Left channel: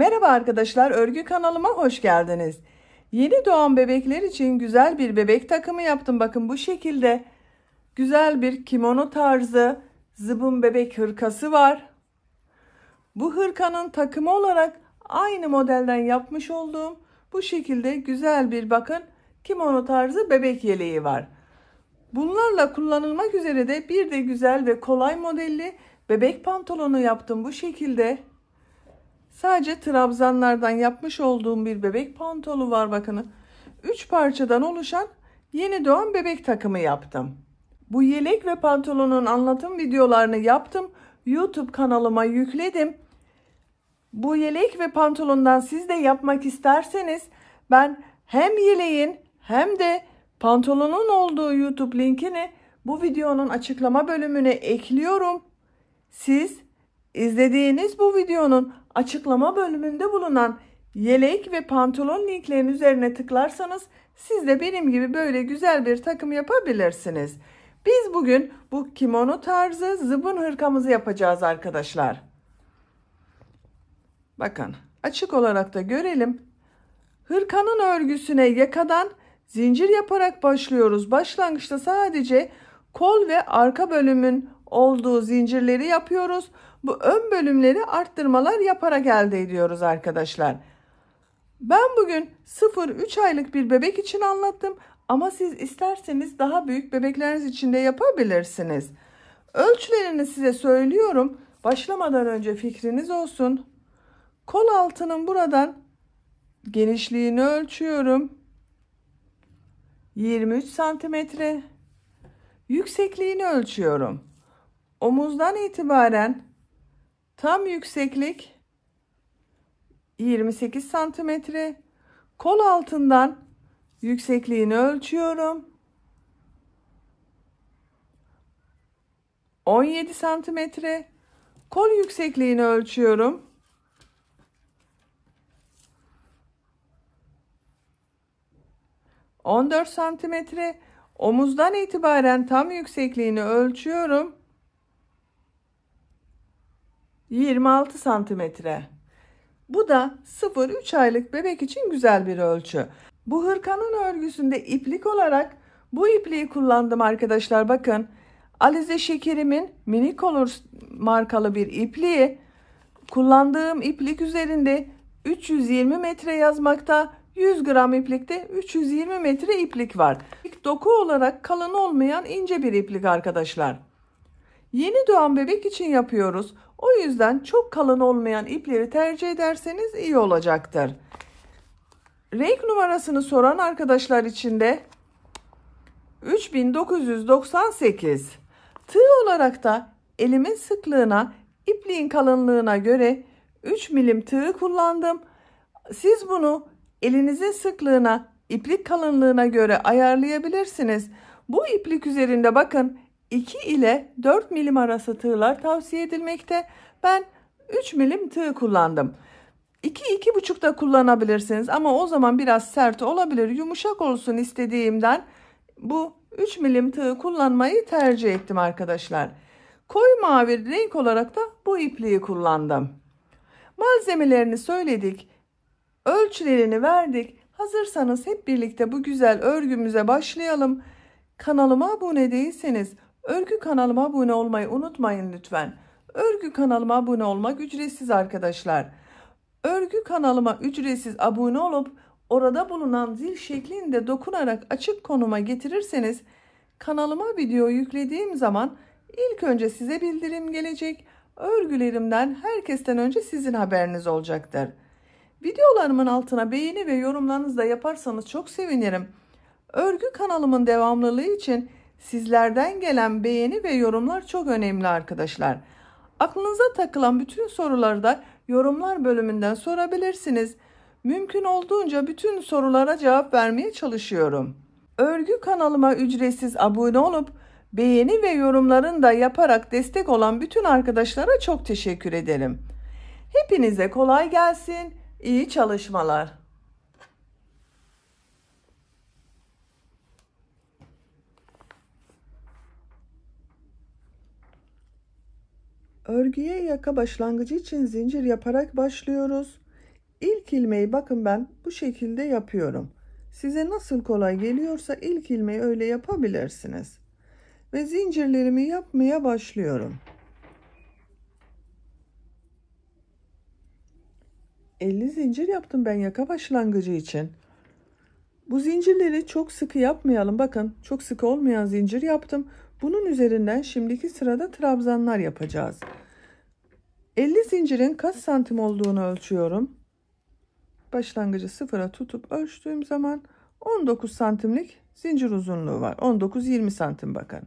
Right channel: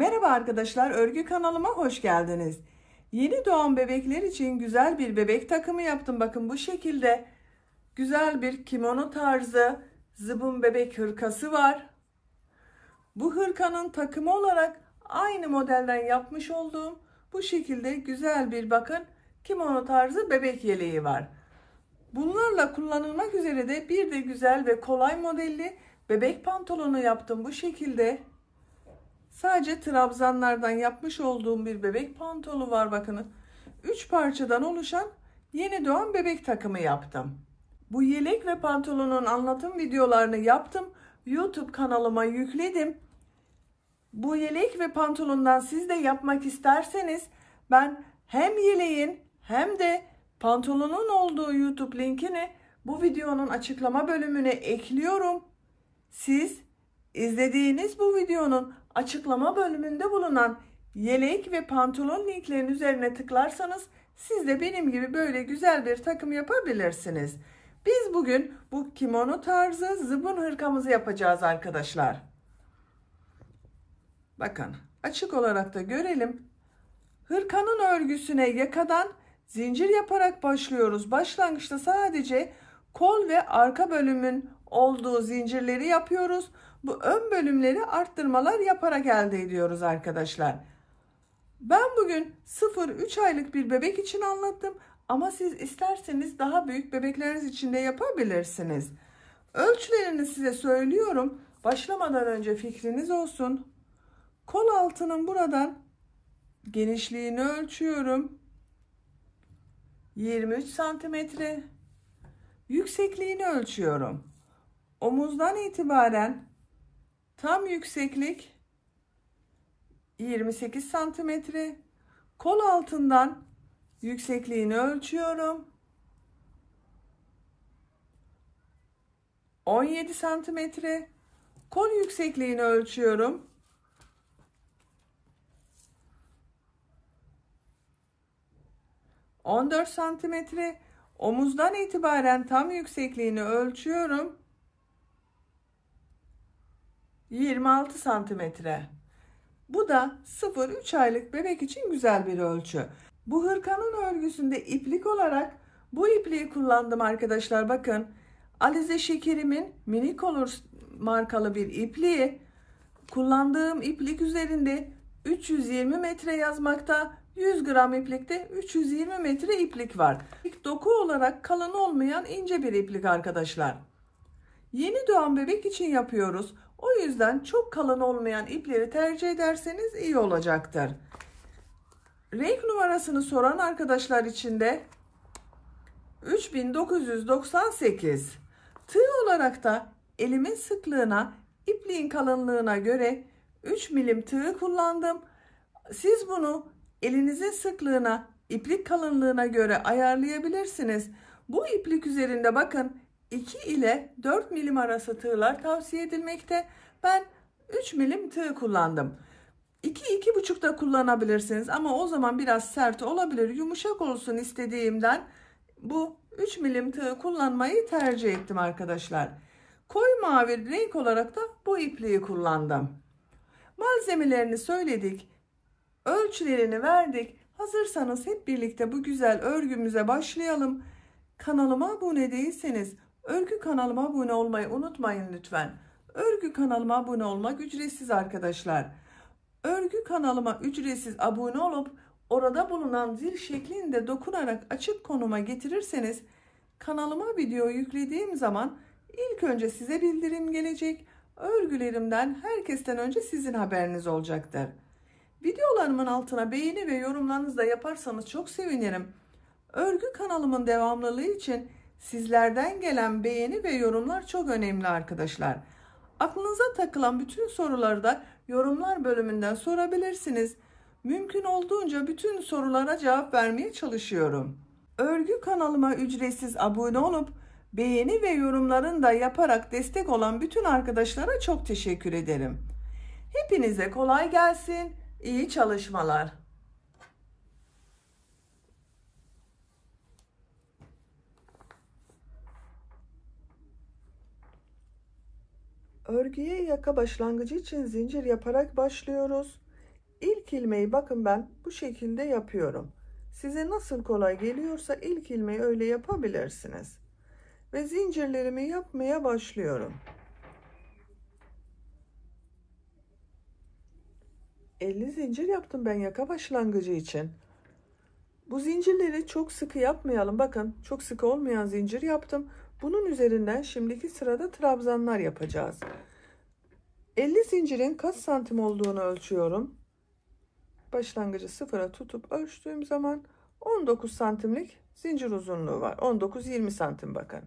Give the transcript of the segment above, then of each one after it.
Merhaba arkadaşlar, örgü kanalıma hoş geldiniz. Yeni doğan bebekler için güzel bir bebek takımı yaptım. Bakın bu şekilde güzel bir kimono tarzı zıbın bebek hırkası var. Bu hırkanın takımı olarak aynı modelden yapmış olduğum bu şekilde güzel bir bakın kimono tarzı bebek yeleği var. Bunlarla kullanılmak üzere de bir de güzel ve kolay modelli bebek pantolonu yaptım bu şekilde. Sadece trabzanlardan yapmış olduğum bir bebek pantolonu var bakın. 3 parçadan oluşan yeni doğan bebek takımı yaptım. Bu yelek ve pantolonun anlatım videolarını yaptım. YouTube kanalıma yükledim. Bu yelek ve pantolondan siz de yapmak isterseniz ben hem yeleğin hem de pantolonun olduğu YouTube linkini bu videonun açıklama bölümüne ekliyorum. Siz izlediğiniz bu videonun açıklama bölümünde bulunan yelek ve pantolon linklerin üzerine tıklarsanız siz de benim gibi böyle güzel bir takım yapabilirsiniz. Biz bugün bu kimono tarzı zıbın hırkamızı yapacağız arkadaşlar. Bakın açık olarak da görelim. Hırkanın örgüsüne yakadan zincir yaparak başlıyoruz. Başlangıçta sadece kol ve arka bölümün olduğu zincirleri yapıyoruz. Bu ön bölümleri arttırmalar yaparak elde ediyoruz arkadaşlar. Ben bugün 0-3 aylık bir bebek için anlattım. Ama siz isterseniz daha büyük bebekleriniz için de yapabilirsiniz. Ölçülerini size söylüyorum. Başlamadan önce fikriniz olsun. Kol altının buradan genişliğini ölçüyorum. 23 santimetre. Yüksekliğini ölçüyorum. Omuzdan itibaren tam yükseklik 28 santimetre. Kol altından yüksekliğini ölçüyorum. 17 santimetre. Kol yüksekliğini ölçüyorum. 14 santimetre. Omuzdan itibaren tam yüksekliğini ölçüyorum. 26 santimetre. Bu da 0-3 aylık bebek için güzel bir ölçü. Bu hırkanın örgüsünde iplik olarak bu ipliği kullandım arkadaşlar. Bakın Alize Şekerim'in Mini Colors markalı bir ipliği. Kullandığım iplik üzerinde 320 metre yazmakta. 100 gram iplikte 320 metre iplik var. Doku olarak kalın olmayan ince bir iplik arkadaşlar. Yeni doğan bebek için yapıyoruz. O yüzden çok kalın olmayan ipleri tercih ederseniz iyi olacaktır. Renk numarasını soran arkadaşlar için de 3998. Tığ olarak da elimin sıklığına, ipliğin kalınlığına göre 3 milim tığ kullandım. Siz bunu elinizin sıklığına, iplik kalınlığına göre ayarlayabilirsiniz. Bu iplik üzerinde bakın 2 ile 4 milim arası tığlar tavsiye edilmekte. Ben 3 milim tığ kullandım. 2-2,5 da kullanabilirsiniz ama o zaman biraz sert olabilir. Yumuşak olsun istediğimden bu 3 milim tığ kullanmayı tercih ettim arkadaşlar. Koyu mavi renk olarak da bu ipliği kullandım. Malzemelerini söyledik. Ölçülerini verdik. Hazırsanız hep birlikte bu güzel örgümüze başlayalım. Kanalıma abone değilseniz örgü kanalıma abone olmayı unutmayın lütfen. Örgü kanalıma abone olmak ücretsiz arkadaşlar. Örgü kanalıma ücretsiz abone olup orada bulunan zil şeklinde dokunarak açık konuma getirirseniz kanalıma video yüklediğim zaman ilk önce size bildirim gelecek. Örgülerimden herkesten önce sizin haberiniz olacaktır. Videolarımın altına beğeni ve yorumlarınızı da yaparsanız çok sevinirim. Örgü kanalımın devamlılığı için sizlerden gelen beğeni ve yorumlar çok önemli arkadaşlar. Aklınıza takılan bütün soruları da yorumlar bölümünden sorabilirsiniz. Mümkün olduğunca bütün sorulara cevap vermeye çalışıyorum. Örgü kanalıma ücretsiz abone olup beğeni ve yorumlarını da yaparak destek olan bütün arkadaşlara çok teşekkür ederim. Hepinize kolay gelsin. İyi çalışmalar. Örgüye yaka başlangıcı için zincir yaparak başlıyoruz. ilk ilmeği bakın ben bu şekilde yapıyorum. Size nasıl kolay geliyorsa ilk ilmeği öyle yapabilirsiniz. Ve zincirlerimi yapmaya başlıyorum. 50 zincir yaptım ben yaka başlangıcı için. Bu zincirleri çok sıkı yapmayalım. Bakın çok sıkı olmayan zincir yaptım. Bunun üzerinden şimdiki sırada trabzanlar yapacağız. 50 zincirin kaç santim olduğunu ölçüyorum. Başlangıcı sıfıra tutup ölçtüğüm zaman 19 santimlik zincir uzunluğu var. 19-20 santim bakın.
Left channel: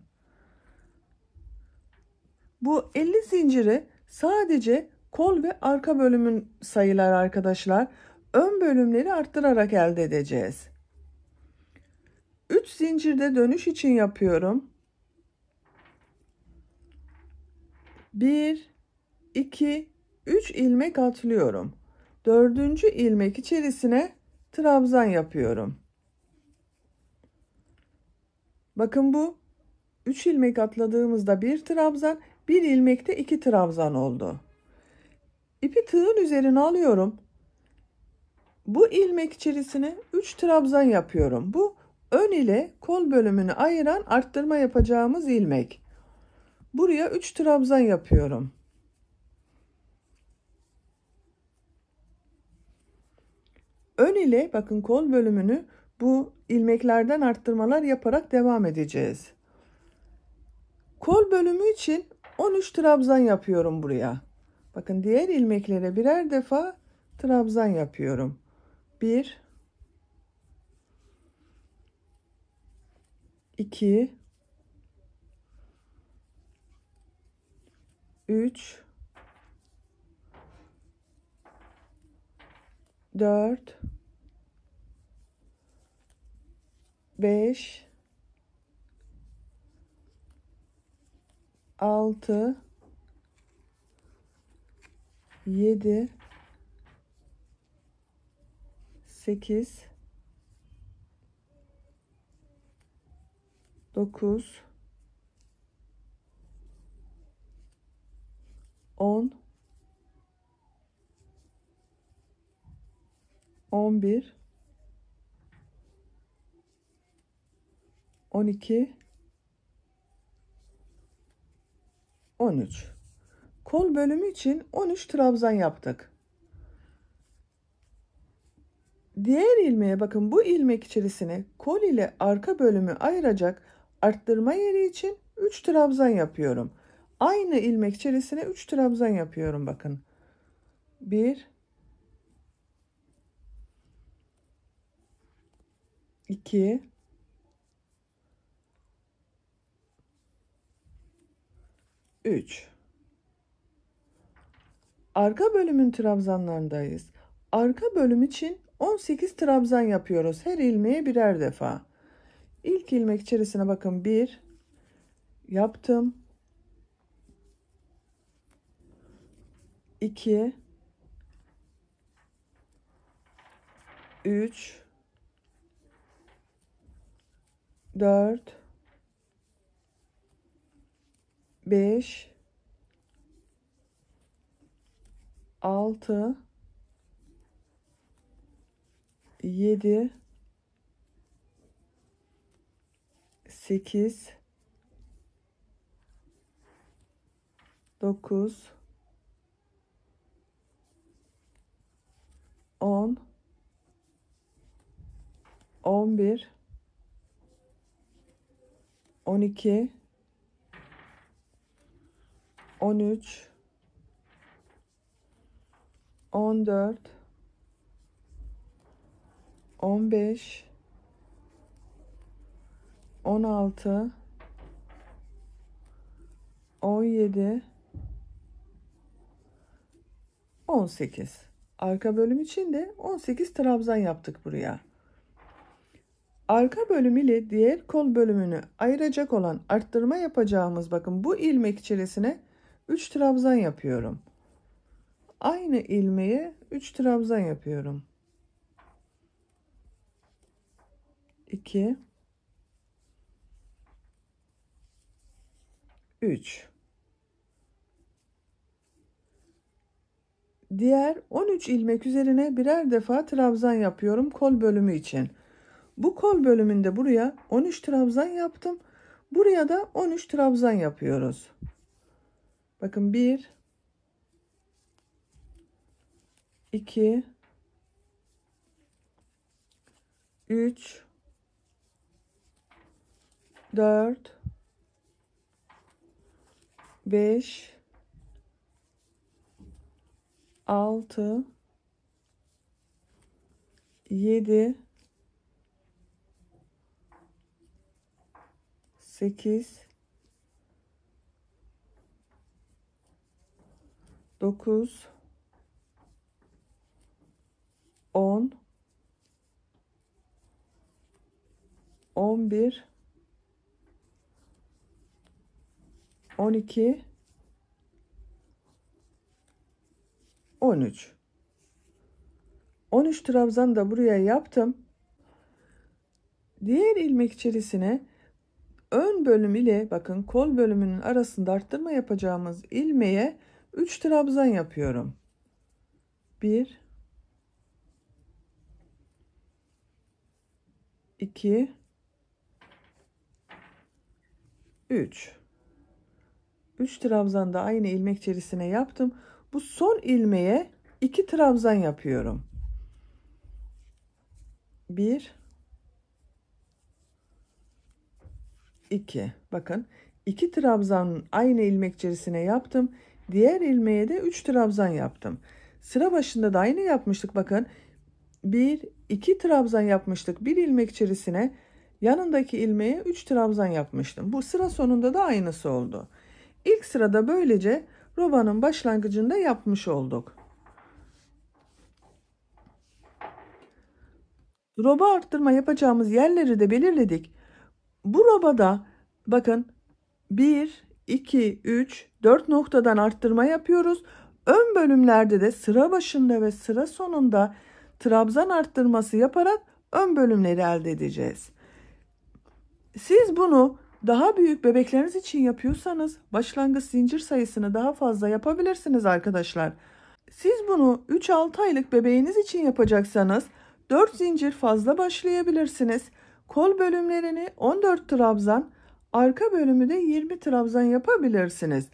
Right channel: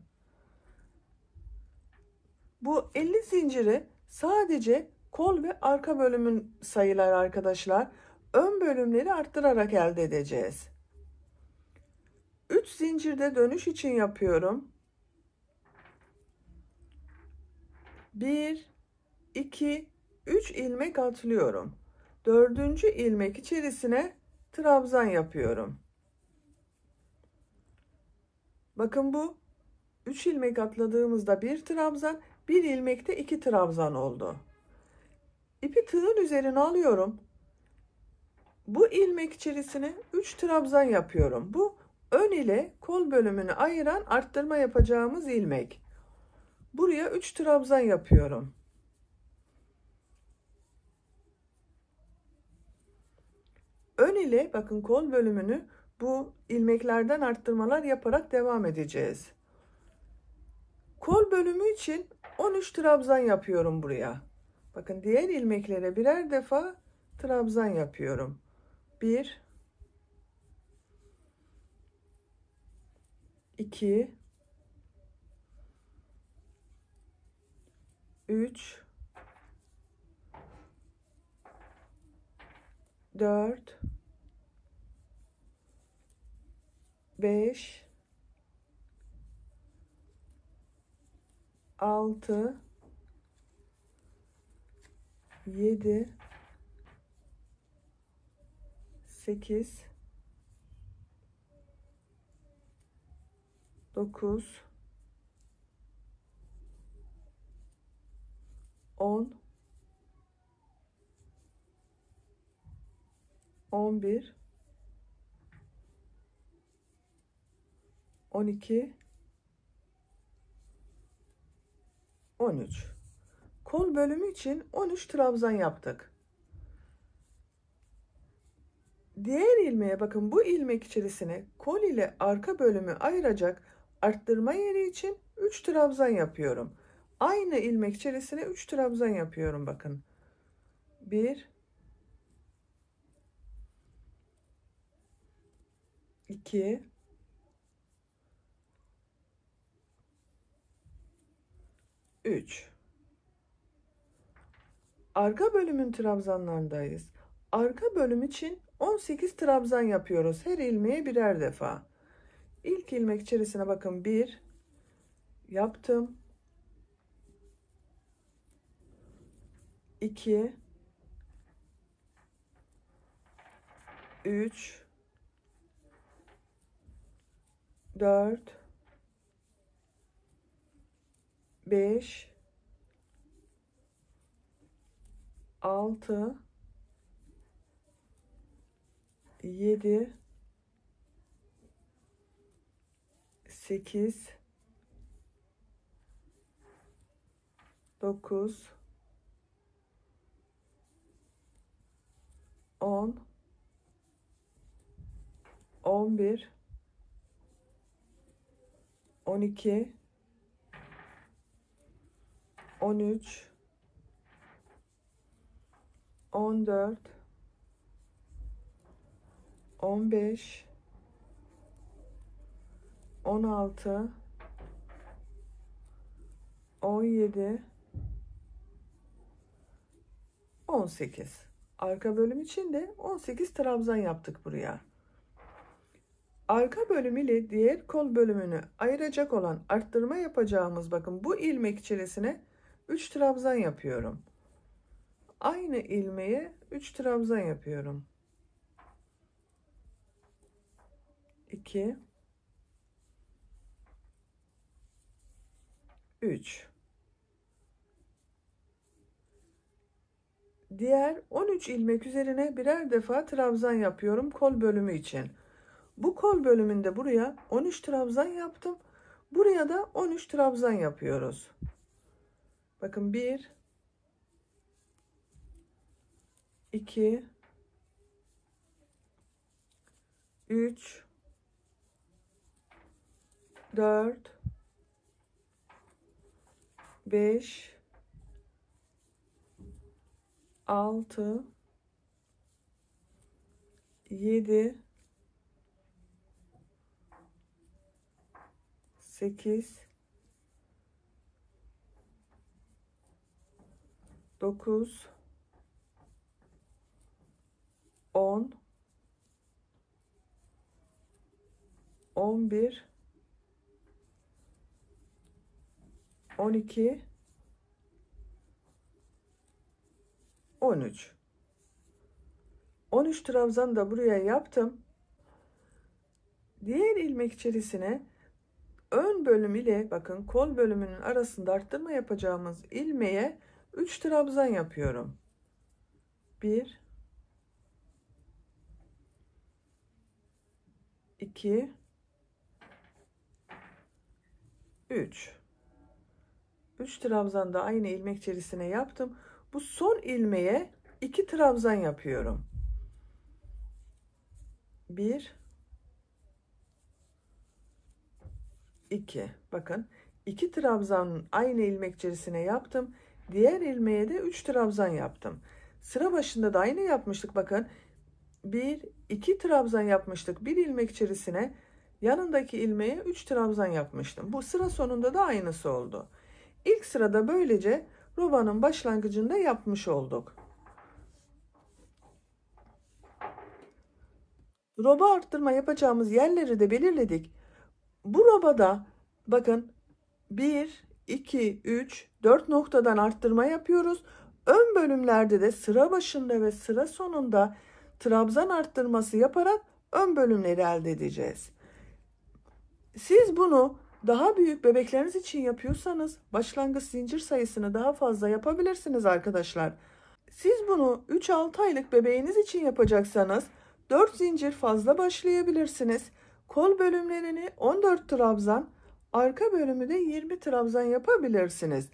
Bu 50 zinciri sadece kol ve arka bölümün sayılar arkadaşlar. Ön bölümleri arttırarak elde edeceğiz. 3 zincirde dönüş için yapıyorum. 1, 2, 3 ilmek atlıyorum. 4. ilmek içerisine trabzan yapıyorum. Bakın bu 3 ilmek atladığımızda bir trabzan, bir ilmekte 2 trabzan oldu. İpi tığın üzerine alıyorum. Bu ilmek içerisine 3 trabzan yapıyorum. Bu ön ile kol bölümünü ayıran arttırma yapacağımız ilmek. Buraya 3 trabzan yapıyorum. Ön ile bakın kol bölümünü bu ilmeklerden arttırmalar yaparak devam edeceğiz. Kol bölümü için 13 trabzan yapıyorum buraya. Bakın diğer ilmeklere birer defa trabzan yapıyorum. 1, 2, 3, 4, 5, 6, 7, 8, 9, 10, 11, 12, 13. Kol bölümü için 13 trabzan yaptık. Diğer ilmeğe bakın, bu ilmek içerisine kol ile arka bölümü ayıracak arttırma yeri için 3 trabzan yapıyorum. Aynı ilmek içerisine 3 trabzan yapıyorum bakın. 1, 2, 3. Arka bölümün trabzanlarındayız. Arka bölüm için 18 trabzan yapıyoruz. Her ilmeğe birer defa. İlk ilmek içerisine bakın, 1 yaptım. 2, 3, 4, 5, 6, 7, 8, 9, 10, 11, 12, 13, 14, 15, 16, 17, 18. Arka bölüm için de 18 trabzan yaptık buraya. Arka bölüm ile diğer kol bölümünü ayıracak olan arttırma yapacağımız, bakın bu ilmek içerisine 3 trabzan yapıyorum. Aynı ilmeğe 3 trabzan yapıyorum. 2, 3, Diğer 13 ilmek üzerine birer defa trabzan yapıyorum kol bölümü için. Bu kol bölümünde buraya 13 trabzan yaptım. Buraya da 13 trabzan yapıyoruz. Bakın 1 2 3 4 5 6 7 8 9 10 11 12 13 13 trabzan da buraya yaptım. Diğer ilmek içerisine ön bölüm ile bakın kol bölümünün arasında arttırma yapacağımız ilmeğe 3 trabzan yapıyorum. 1 2 3 trabzan da aynı ilmek içerisine yaptım. Bu son ilmeğe 2 trabzan yapıyorum. 1 2 bakın 2 trabzan aynı ilmek içerisine yaptım. Diğer ilmeğe de 3 trabzan yaptım. Sıra başında da aynı yapmıştık. Bakın 2 trabzan yapmıştık. Bir ilmek içerisine yanındaki ilmeğe 3 trabzan yapmıştım. Bu sıra sonunda da aynısı oldu. İlk sırada böylece robanın başlangıcında yapmış olduk. Roba arttırma yapacağımız yerleri de belirledik. Bu robada bakın 1 2 3 4 noktadan arttırma yapıyoruz. Ön bölümlerde de sıra başında ve sıra sonunda trabzan arttırması yaparak ön bölümleri elde edeceğiz. Siz bunu daha büyük bebekleriniz için yapıyorsanız başlangıç zincir sayısını daha fazla yapabilirsiniz arkadaşlar. Siz bunu 3-6 aylık bebeğiniz için yapacaksanız 4 zincir fazla başlayabilirsiniz. Kol bölümlerini 14 trabzan, arka bölümü de 20 trabzan yapabilirsiniz.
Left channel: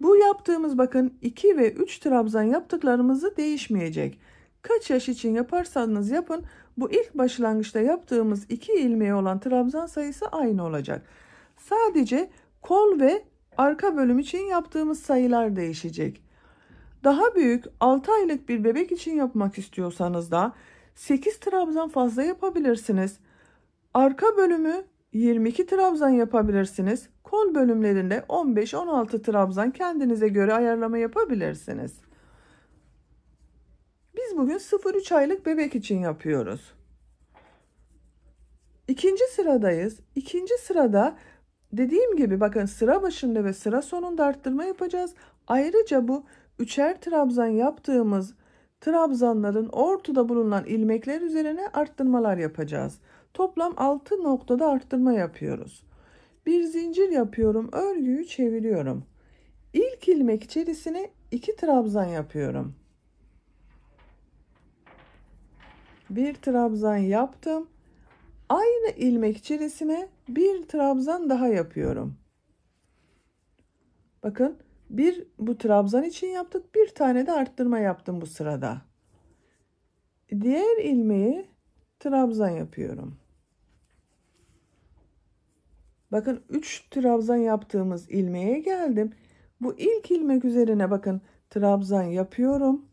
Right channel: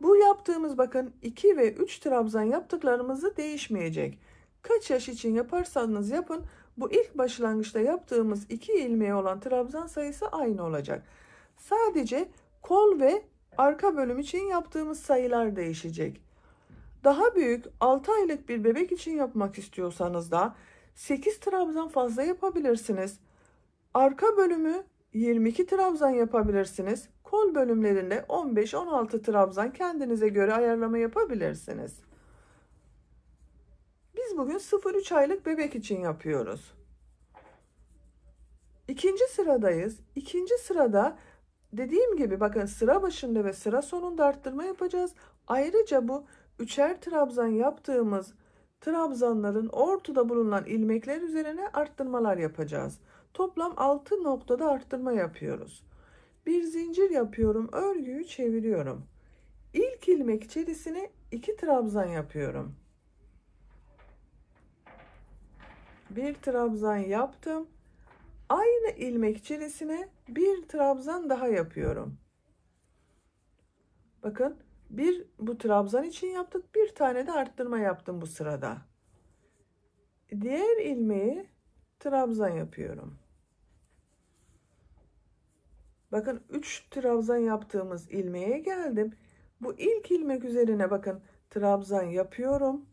Bu yaptığımız bakın 2 ve 3 trabzan yaptıklarımızı değişmeyecek. Kaç yaş için yaparsanız yapın bu ilk başlangıçta yaptığımız 2 ilmeği olan trabzan sayısı aynı olacak. Sadece kol ve arka bölüm için yaptığımız sayılar değişecek. Daha büyük 6 aylık bir bebek için yapmak istiyorsanız da 8 trabzan fazla yapabilirsiniz. Arka bölümü 22 trabzan yapabilirsiniz. Kol bölümlerinde 15-16 trabzan kendinize göre ayarlama yapabilirsiniz. Biz bugün 0-3 aylık bebek için yapıyoruz. İkinci sıradayız. İkinci sırada dediğim gibi bakın sıra başında ve sıra sonunda arttırma yapacağız. Ayrıca bu 3'er trabzan yaptığımız trabzanların ortada bulunan ilmekler üzerine arttırmalar yapacağız. Toplam 6 noktada arttırma yapıyoruz. Bir zincir yapıyorum, örgüyü çeviriyorum. İlk ilmek içerisine 2 trabzan yapıyorum. Bir trabzan yaptım. Aynı ilmek içerisine bir trabzan daha yapıyorum. Bakın bu trabzan için yaptık. Bir tane de arttırma yaptım bu sırada. Diğer ilmeği trabzan yapıyorum. Bakın 3 trabzan yaptığımız ilmeğe geldim. Bu ilk ilmek üzerine bakın trabzan yapıyorum.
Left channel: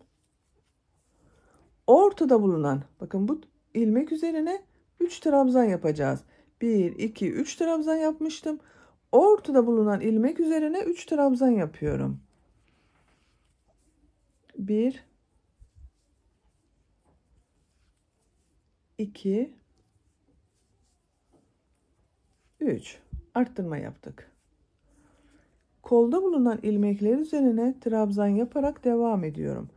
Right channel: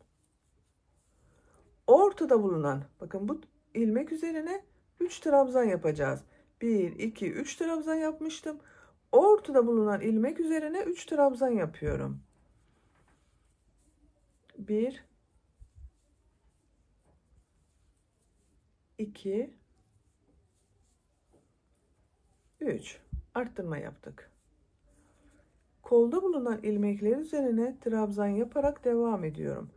Ortada bulunan bakın bu ilmek üzerine 3 trabzan yapacağız. 1 2 3 trabzan yapmıştım. Ortada bulunan ilmek üzerine 3 trabzan yapıyorum. 1 2 3 arttırma yaptık. Kolda bulunan ilmekler üzerine trabzan yaparak devam ediyorum.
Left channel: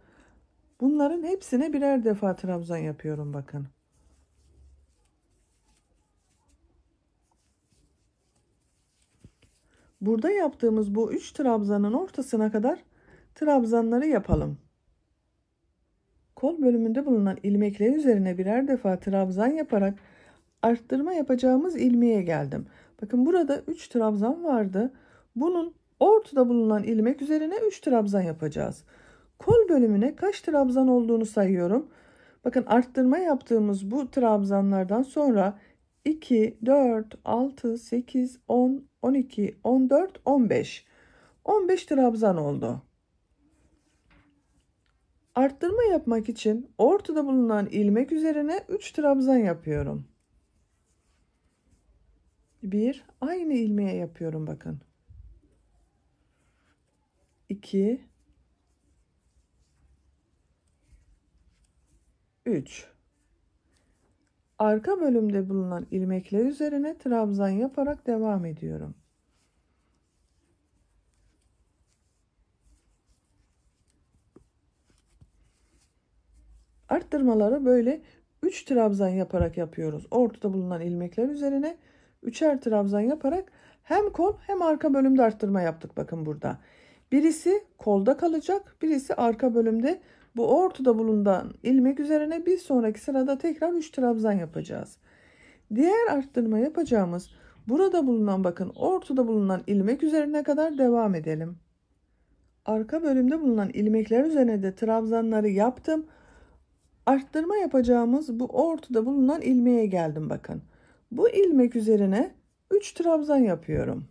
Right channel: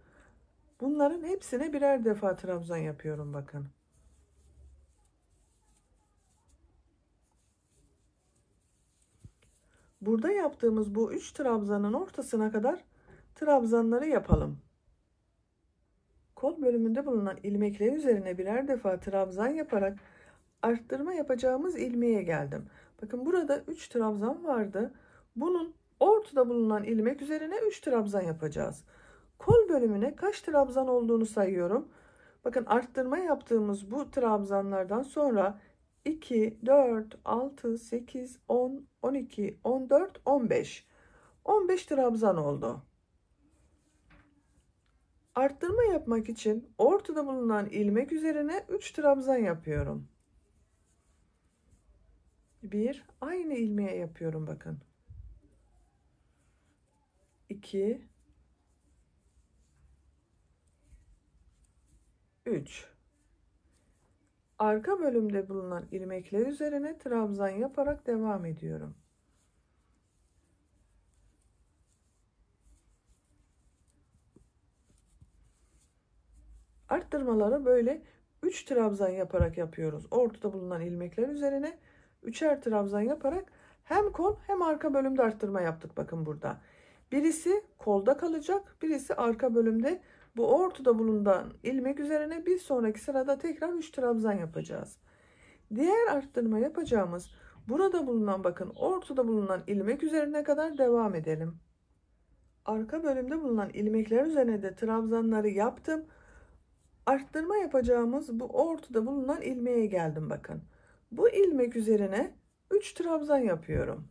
Bunların hepsine birer defa trabzan yapıyorum bakın. Burada yaptığımız bu 3 trabzanın ortasına kadar trabzanları yapalım. kol bölümünde bulunan ilmekler üzerine birer defa trabzan yaparak arttırma yapacağımız ilmeğe geldim. Bakın burada 3 trabzan vardı. Bunun ortada bulunan ilmek üzerine 3 trabzan yapacağız. Kol bölümüne kaç trabzan olduğunu sayıyorum. Bakın arttırma yaptığımız bu trabzanlardan sonra 2, 4, 6, 8, 10, 12, 14, 15. 15 trabzan oldu. Arttırma yapmak için ortada bulunan ilmek üzerine 3 trabzan yapıyorum. 1, aynı ilmeğe yapıyorum bakın. 2, 3. Arka bölümde bulunan ilmekler üzerine trabzan yaparak devam ediyorum. Arttırmaları böyle 3 trabzan yaparak yapıyoruz. Ortada bulunan ilmekler üzerine 3'er trabzan yaparak hem kol hem arka bölümde arttırma yaptık bakın burada. Birisi kolda kalacak, birisi arka bölümde. Bu ortada bulunan ilmek üzerine bir sonraki sırada tekrar 3 trabzan yapacağız. Diğer arttırma yapacağımız burada bulunan bakın ortada bulunan ilmek üzerine kadar devam edelim. Arka bölümde bulunan ilmekler üzerine de trabzanları yaptım. Arttırma yapacağımız bu ortada bulunan ilmeğe geldim bakın. Bu ilmek üzerine 3 trabzan yapıyorum.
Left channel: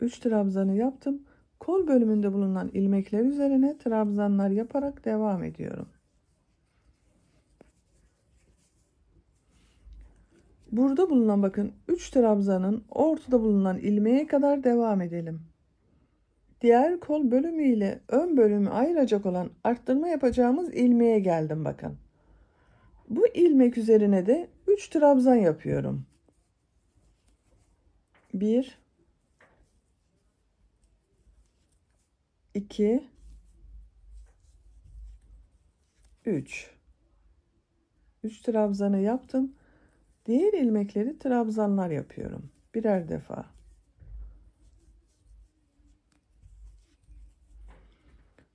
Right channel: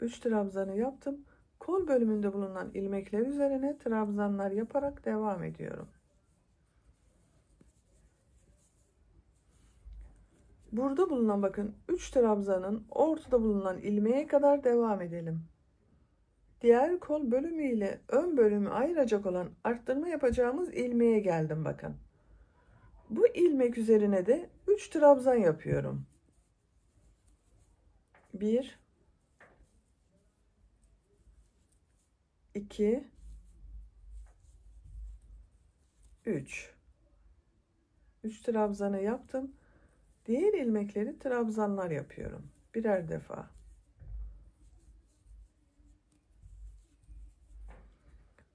Üç trabzanı yaptım. Kol bölümünde bulunan ilmekler üzerine trabzanlar yaparak devam ediyorum. Burada bulunan bakın 3 trabzanın ortada bulunan ilmeğe kadar devam edelim. Diğer kol bölümü ile ön bölümü ayıracak olan arttırma yapacağımız ilmeğe geldim bakın. Bu ilmek üzerine de 3 trabzan yapıyorum. 1, 2, 3. 3 trabzanı yaptım. Diğer ilmekleri trabzanlar yapıyorum. Birer defa.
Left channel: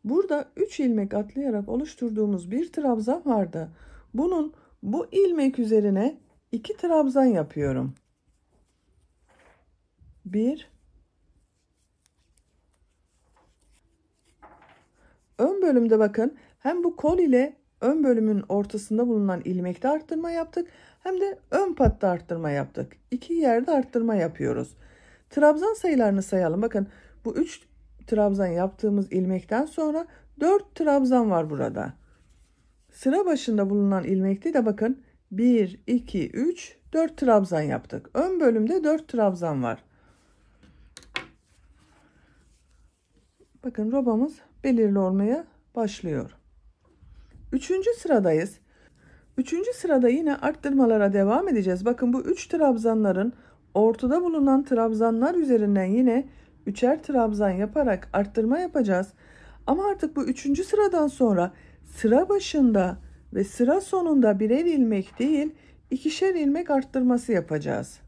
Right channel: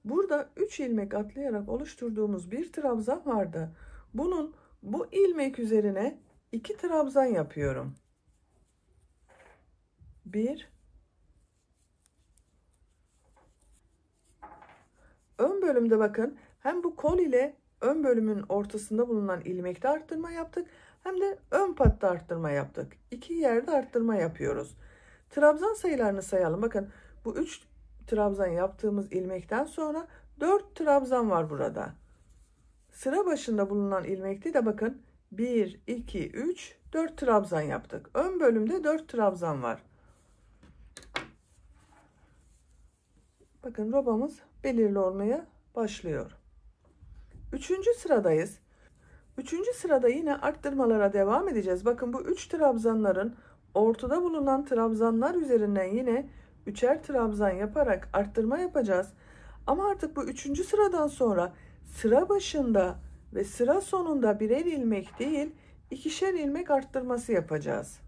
Burada 3 ilmek atlayarak oluşturduğumuz bir trabzan vardı. Bu ilmek üzerine 2 trabzan yapıyorum. 1, ön bölümde bakın hem bu kol ile ön bölümün ortasında bulunan ilmekte arttırma yaptık hem de ön patta arttırma yaptık. 2 yerde arttırma yapıyoruz. Trabzan sayılarını sayalım. Bakın bu 3 trabzan yaptığımız ilmekten sonra 4 trabzan var burada. Sıra başında bulunan ilmekte de bakın 1, 2, 3, 4 trabzan yaptık. Ön bölümde 4 trabzan var. Bakın robamız belirli olmaya başlıyor. 3. sıradayız. 3. sırada yine arttırmalara devam edeceğiz. Bakın bu 3 trabzanların ortada bulunan trabzanlar üzerinden yine 3'er trabzan yaparak arttırma yapacağız. Ama artık bu 3. sıradan sonra sıra başında ve sıra sonunda birer ilmek değil 2'şer ilmek arttırması yapacağız.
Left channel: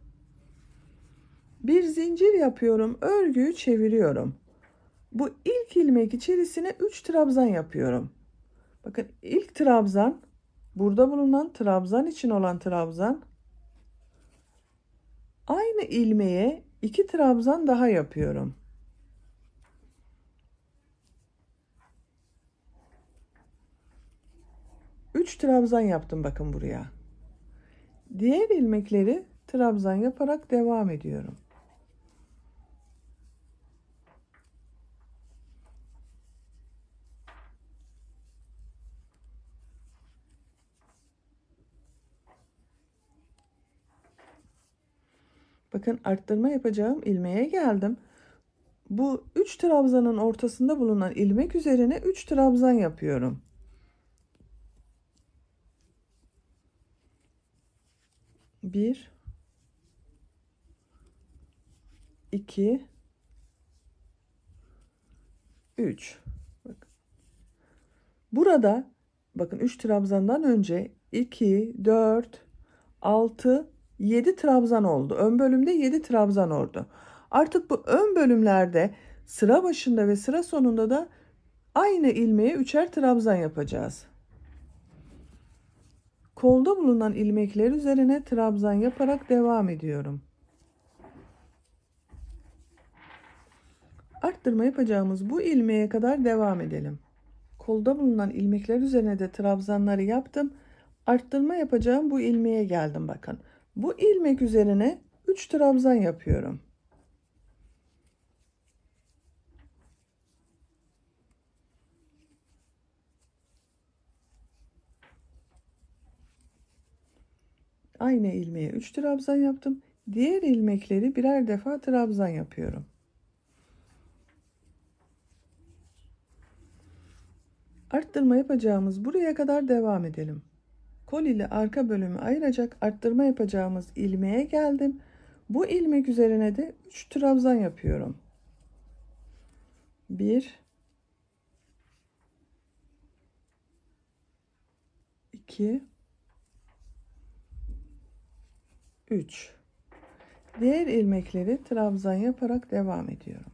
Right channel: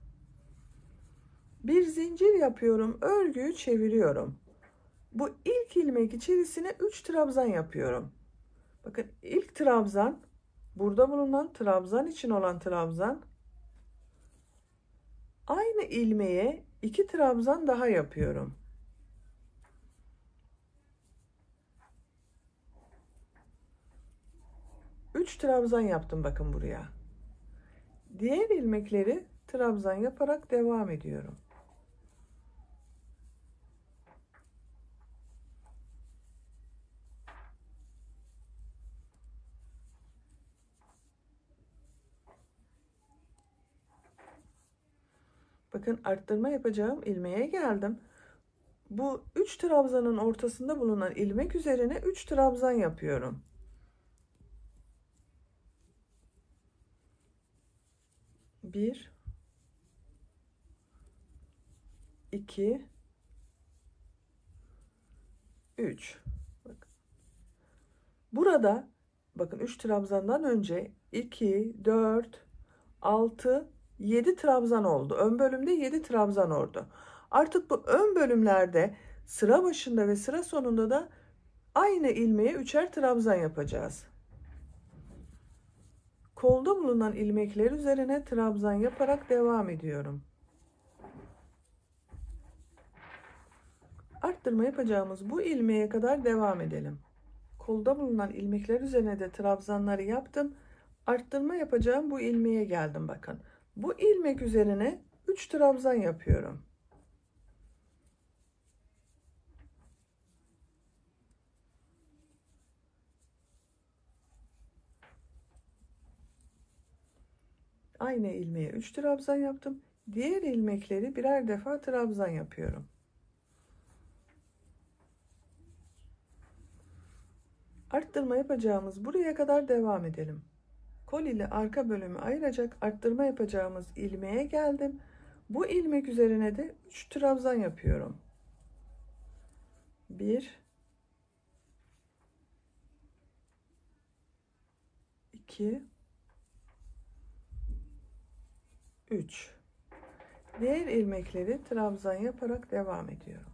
Bir zincir yapıyorum, örgüyü çeviriyorum. Bu ilk ilmek içerisine 3 trabzan yapıyorum. Bakın ilk trabzan burada bulunan trabzan için olan trabzan. Aynı ilmeğe 2 trabzan daha yapıyorum. Üç trabzan yaptım bakın buraya. Diğer ilmekleri trabzan yaparak devam ediyorum. Bakın arttırma yapacağım ilmeğe geldim. Bu 3 trabzanın ortasında bulunan ilmek üzerine 3 trabzan yapıyorum. 1, 2, 3. Burada Bakın 3 trabzandan önce 2, 4, 6, 7 trabzan oldu. Ön bölümde 7 trabzan oldu. Artık bu ön bölümlerde sıra başında ve sıra sonunda da aynı ilmeğe 3'er trabzan yapacağız. Kolda bulunan ilmekler üzerine trabzan yaparak devam ediyorum. Arttırma yapacağımız bu ilmeğe kadar devam edelim. Kolda bulunan ilmekler üzerine de trabzanları yaptım. Arttırma yapacağım bu ilmeğe geldim bakın. Bu ilmek üzerine 3 trabzan yapıyorum. Aynı ilmeğe 3 trabzan yaptım. Diğer ilmekleri birer defa trabzan yapıyorum. Arttırma yapacağımız buraya kadar devam edelim. Kol ile arka bölümü ayıracak arttırma yapacağımız ilmeğe geldim. Bu ilmek üzerine de 3 trabzan yapıyorum. 1 2 3. Diğer ilmekleri trabzan yaparak devam ediyorum.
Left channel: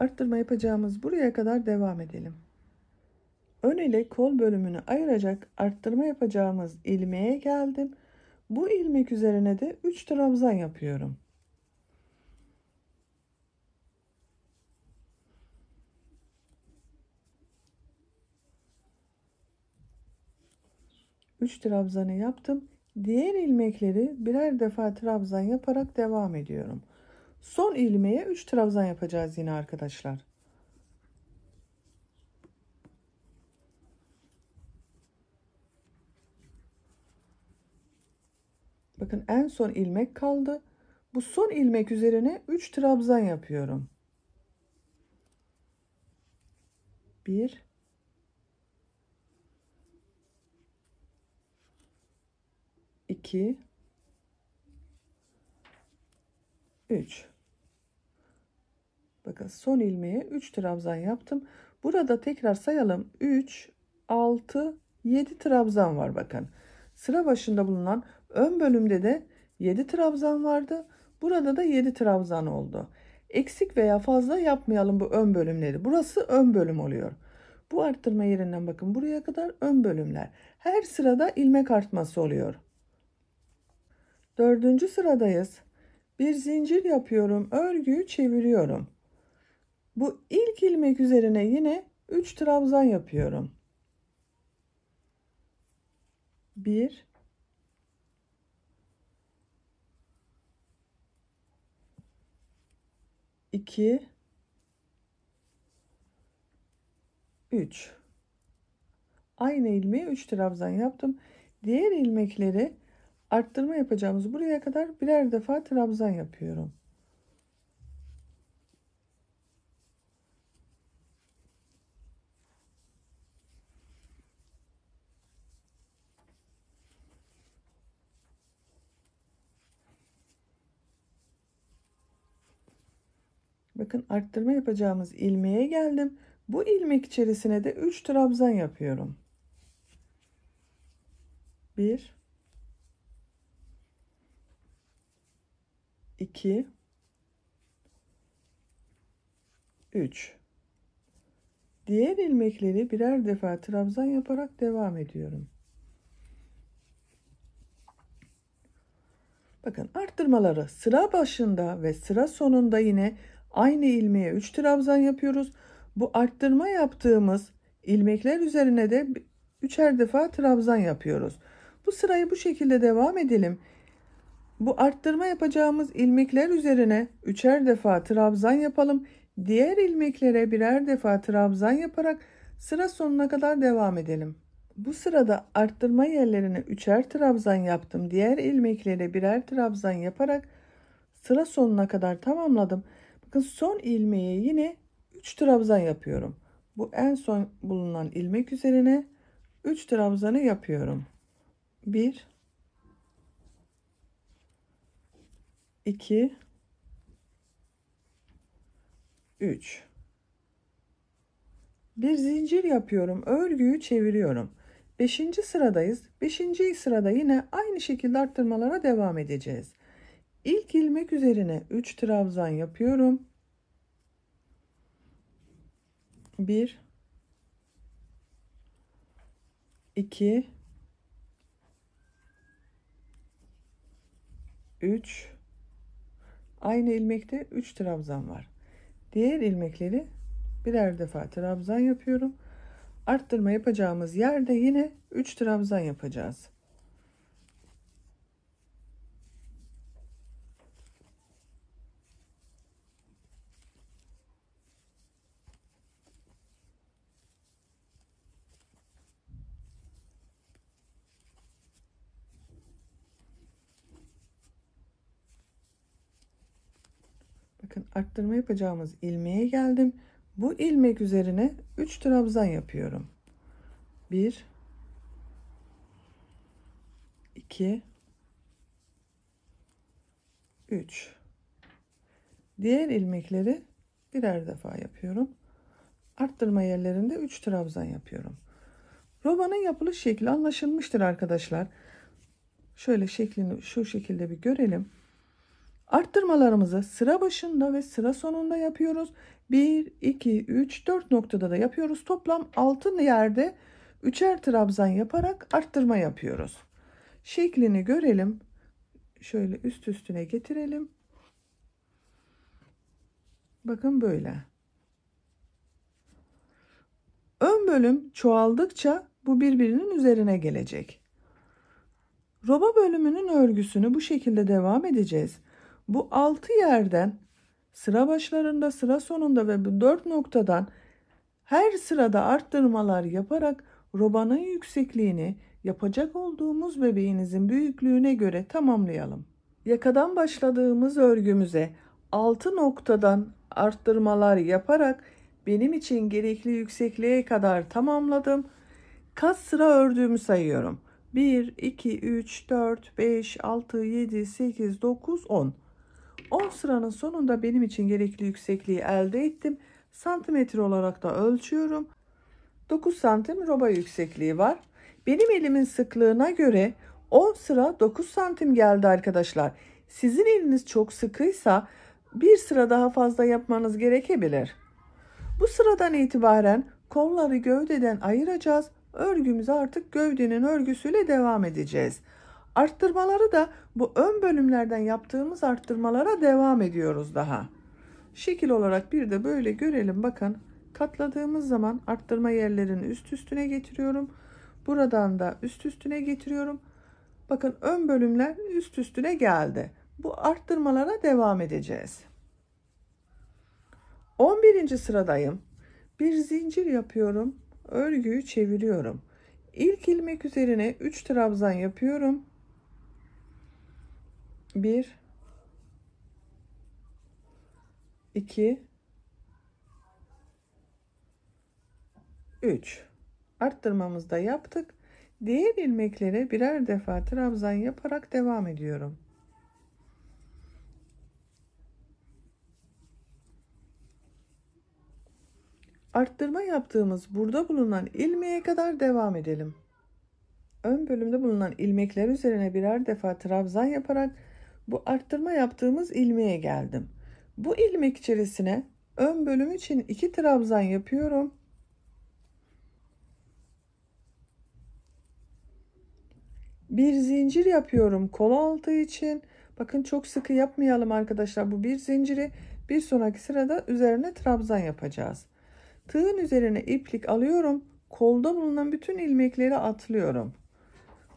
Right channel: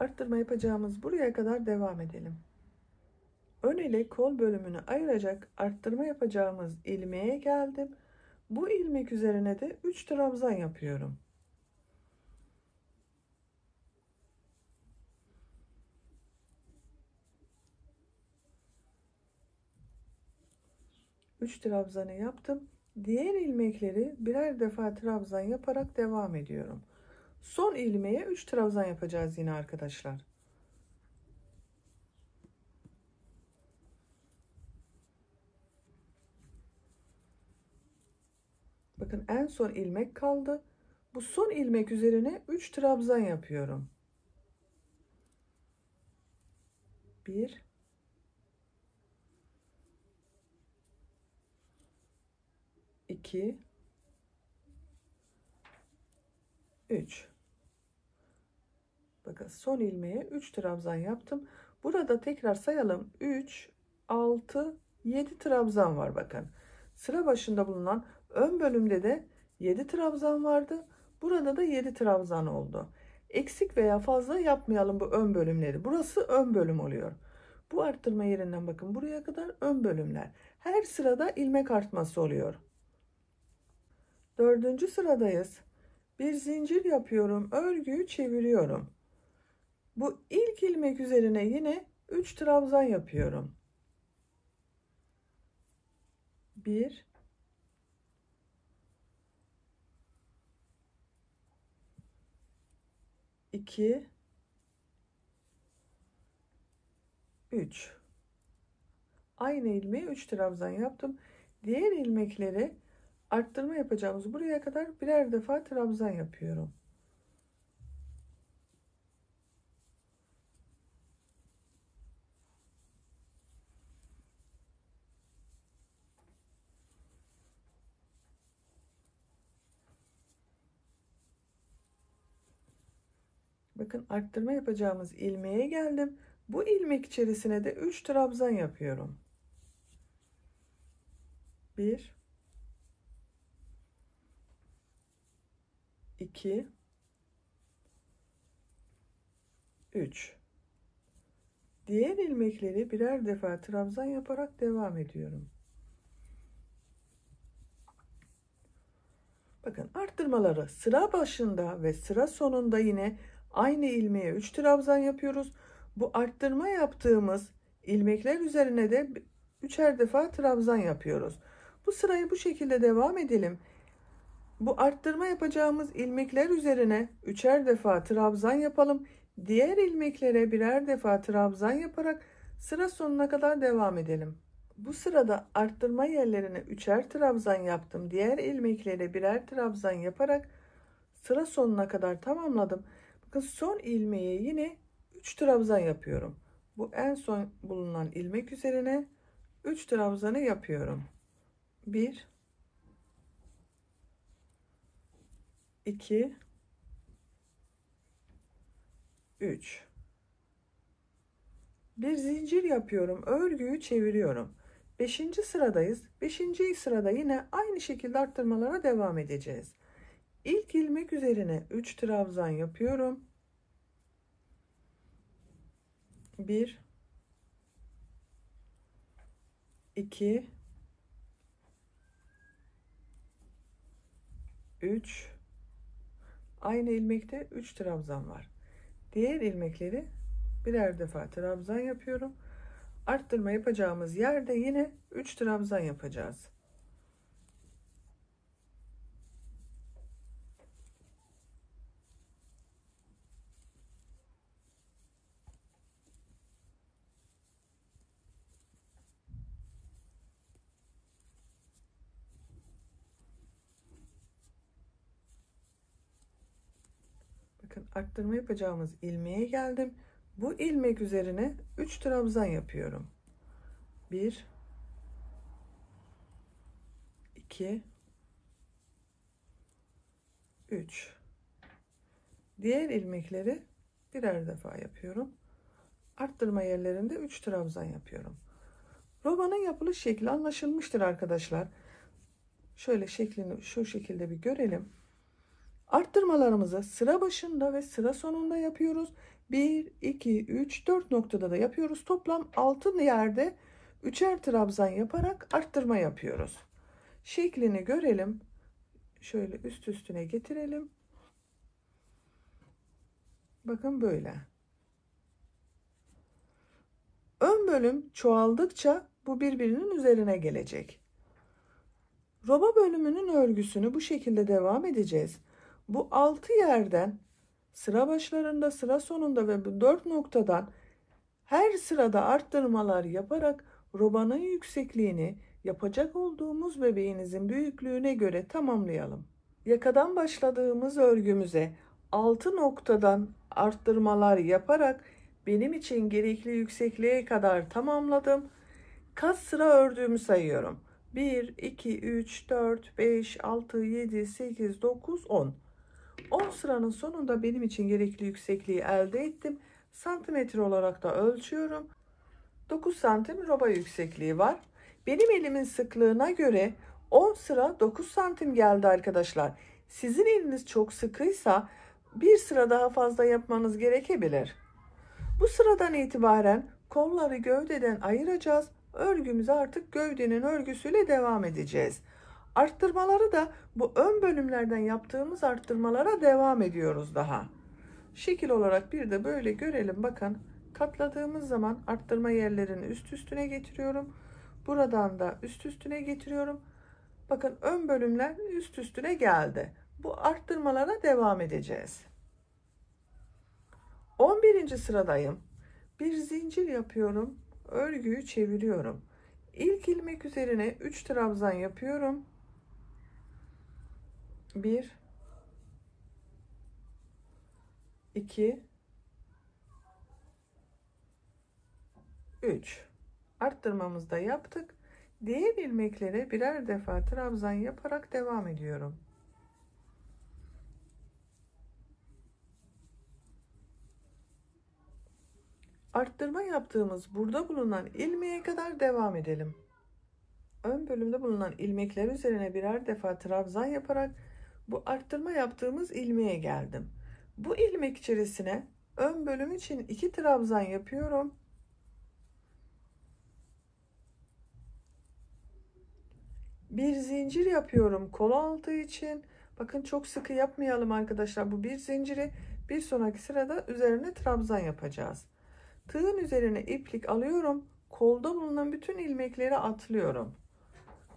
Arttırma yapacağımız buraya kadar devam edelim. Ön ile kol bölümünü ayıracak arttırma yapacağımız ilmeğe geldim. Bu ilmek üzerine de 3 trabzan yapıyorum. Üç trabzanı yaptım. Diğer ilmekleri birer defa trabzan yaparak devam ediyorum. Son ilmeğe 3 trabzan yapacağız yine arkadaşlar. Bakın en son ilmek kaldı. Bu son ilmek üzerine 3 trabzan yapıyorum. 1 2 3. Bakın son ilmeğe 3 trabzan yaptım. Burada tekrar sayalım. 3 6 7 trabzan var bakın. Sıra başında bulunan ön bölümde de 7 trabzan vardı. Burada da 7 trabzan oldu. Eksik veya fazla yapmayalım bu ön bölümleri. Burası ön bölüm oluyor. Bu arttırma yerinden bakın buraya kadar ön bölümler. Her sırada ilmek artması oluyor. Dördüncü sıradayız. Bir zincir yapıyorum. Örgüyü çeviriyorum. Bu ilk ilmek üzerine yine 3 trabzan yapıyorum. 1 2 3. Aynı ilmeğe 3 trabzan yaptım. Diğer ilmekleri arttırma yapacağımız buraya kadar birer defa trabzan yapıyorum. Bakın arttırma yapacağımız ilmeğe geldim. Bu ilmek içerisine de 3 trabzan yapıyorum. 1 2 3. Diğer ilmekleri birer defa trabzan yaparak devam ediyorum. Bakın arttırmaları sıra başında ve sıra sonunda yine aynı ilmeğe 3 trabzan yapıyoruz. Bu arttırma yaptığımız ilmekler üzerine de 3'er defa trabzan yapıyoruz. Bu sırayı bu şekilde devam edelim. Bu arttırma yapacağımız ilmekler üzerine 3'er defa trabzan yapalım. Diğer ilmeklere birer defa trabzan yaparak sıra sonuna kadar devam edelim. Bu sırada arttırma yerlerine 3'er trabzan yaptım. Diğer ilmeklere birer trabzan yaparak sıra sonuna kadar tamamladım. Bakın son ilmeğe yine 3 trabzan yapıyorum. Bu en son bulunan ilmek üzerine 3 trabzanı yapıyorum. 1 2 3. Bir zincir yapıyorum. Örgüyü çeviriyorum. 5. sıradayız. 5. sırada yine aynı şekilde arttırmalara devam edeceğiz. İlk ilmek üzerine 3 trabzan yapıyorum. 1 2 3 aynı ilmekte 3 trabzan var. Diğer ilmekleri birer defa trabzan yapıyorum. Arttırma yapacağımız yerde yine 3 trabzan yapacağız. Bakın arttırma yapacağımız ilmeğe geldim. Bu ilmek üzerine 3 trabzan yapıyorum. 1 2 3 diğer ilmekleri birer defa yapıyorum. Arttırma yerlerinde 3 trabzan yapıyorum. Robanın yapılış şekli anlaşılmıştır arkadaşlar. Şöyle şeklini şu şekilde bir görelim. Arttırmalarımızı sıra başında ve sıra sonunda yapıyoruz. 1 2 3 4 noktada da yapıyoruz. Toplam 6 yerde 3'er trabzan yaparak arttırma yapıyoruz. Şeklini görelim. Şöyle üst üstüne getirelim. Bakın böyle. Ön bölüm çoğaldıkça bu birbirinin üzerine gelecek. Roba bölümünün örgüsünü bu şekilde devam edeceğiz. Bu 6 yerden sıra başlarında, sıra sonunda ve bu 4 noktadan her sırada arttırmalar yaparak robanın yüksekliğini yapacak olduğumuz bebeğinizin büyüklüğüne göre tamamlayalım. Yakadan başladığımız örgümüze 6 noktadan arttırmalar yaparak benim için gerekli yüksekliğe kadar tamamladım. Kaç sıra ördüğümü sayıyorum. 1 2 3 4 5 6 7 8 9 10. 10 sıranın sonunda benim için gerekli yüksekliği elde ettim. Santimetre olarak da ölçüyorum. 9 santim roba yüksekliği var. Benim elimin sıklığına göre 10 sıra 9 santim geldi arkadaşlar. Sizin eliniz çok sıkıysa bir sıra daha fazla yapmanız gerekebilir. Bu sıradan itibaren kolları gövdeden ayıracağız. Örgümüze artık gövdenin örgüsüyle devam edeceğiz. Arttırmaları da bu ön bölümlerden yaptığımız arttırmalara devam ediyoruz daha. Şekil olarak bir de böyle görelim. Bakın katladığımız zaman arttırma yerlerini üst üstüne getiriyorum. Buradan da üst üstüne getiriyorum. Bakın ön bölümler üst üstüne geldi. Bu arttırmalara devam edeceğiz. 11. sıradayım. Bir zincir yapıyorum. Örgüyü çeviriyorum. İlk ilmek üzerine 3 trabzan yapıyorum. 1 2 3 arttırmamızı da yaptık. Diğer ilmeklere birer defa trabzan yaparak devam ediyorum. Arttırma yaptığımız burada bulunan ilmeğe kadar devam edelim. Ön bölümde bulunan ilmekler üzerine birer defa trabzan yaparak bu arttırma yaptığımız ilmeğe geldim. Bu ilmek içerisine ön bölüm için 2 trabzan yapıyorum. Bir zincir yapıyorum kol altı için. Bakın çok sıkı yapmayalım arkadaşlar. Bu bir zinciri bir sonraki sırada üzerine trabzan yapacağız. Tığın üzerine iplik alıyorum. Kolda bulunan bütün ilmekleri atlıyorum.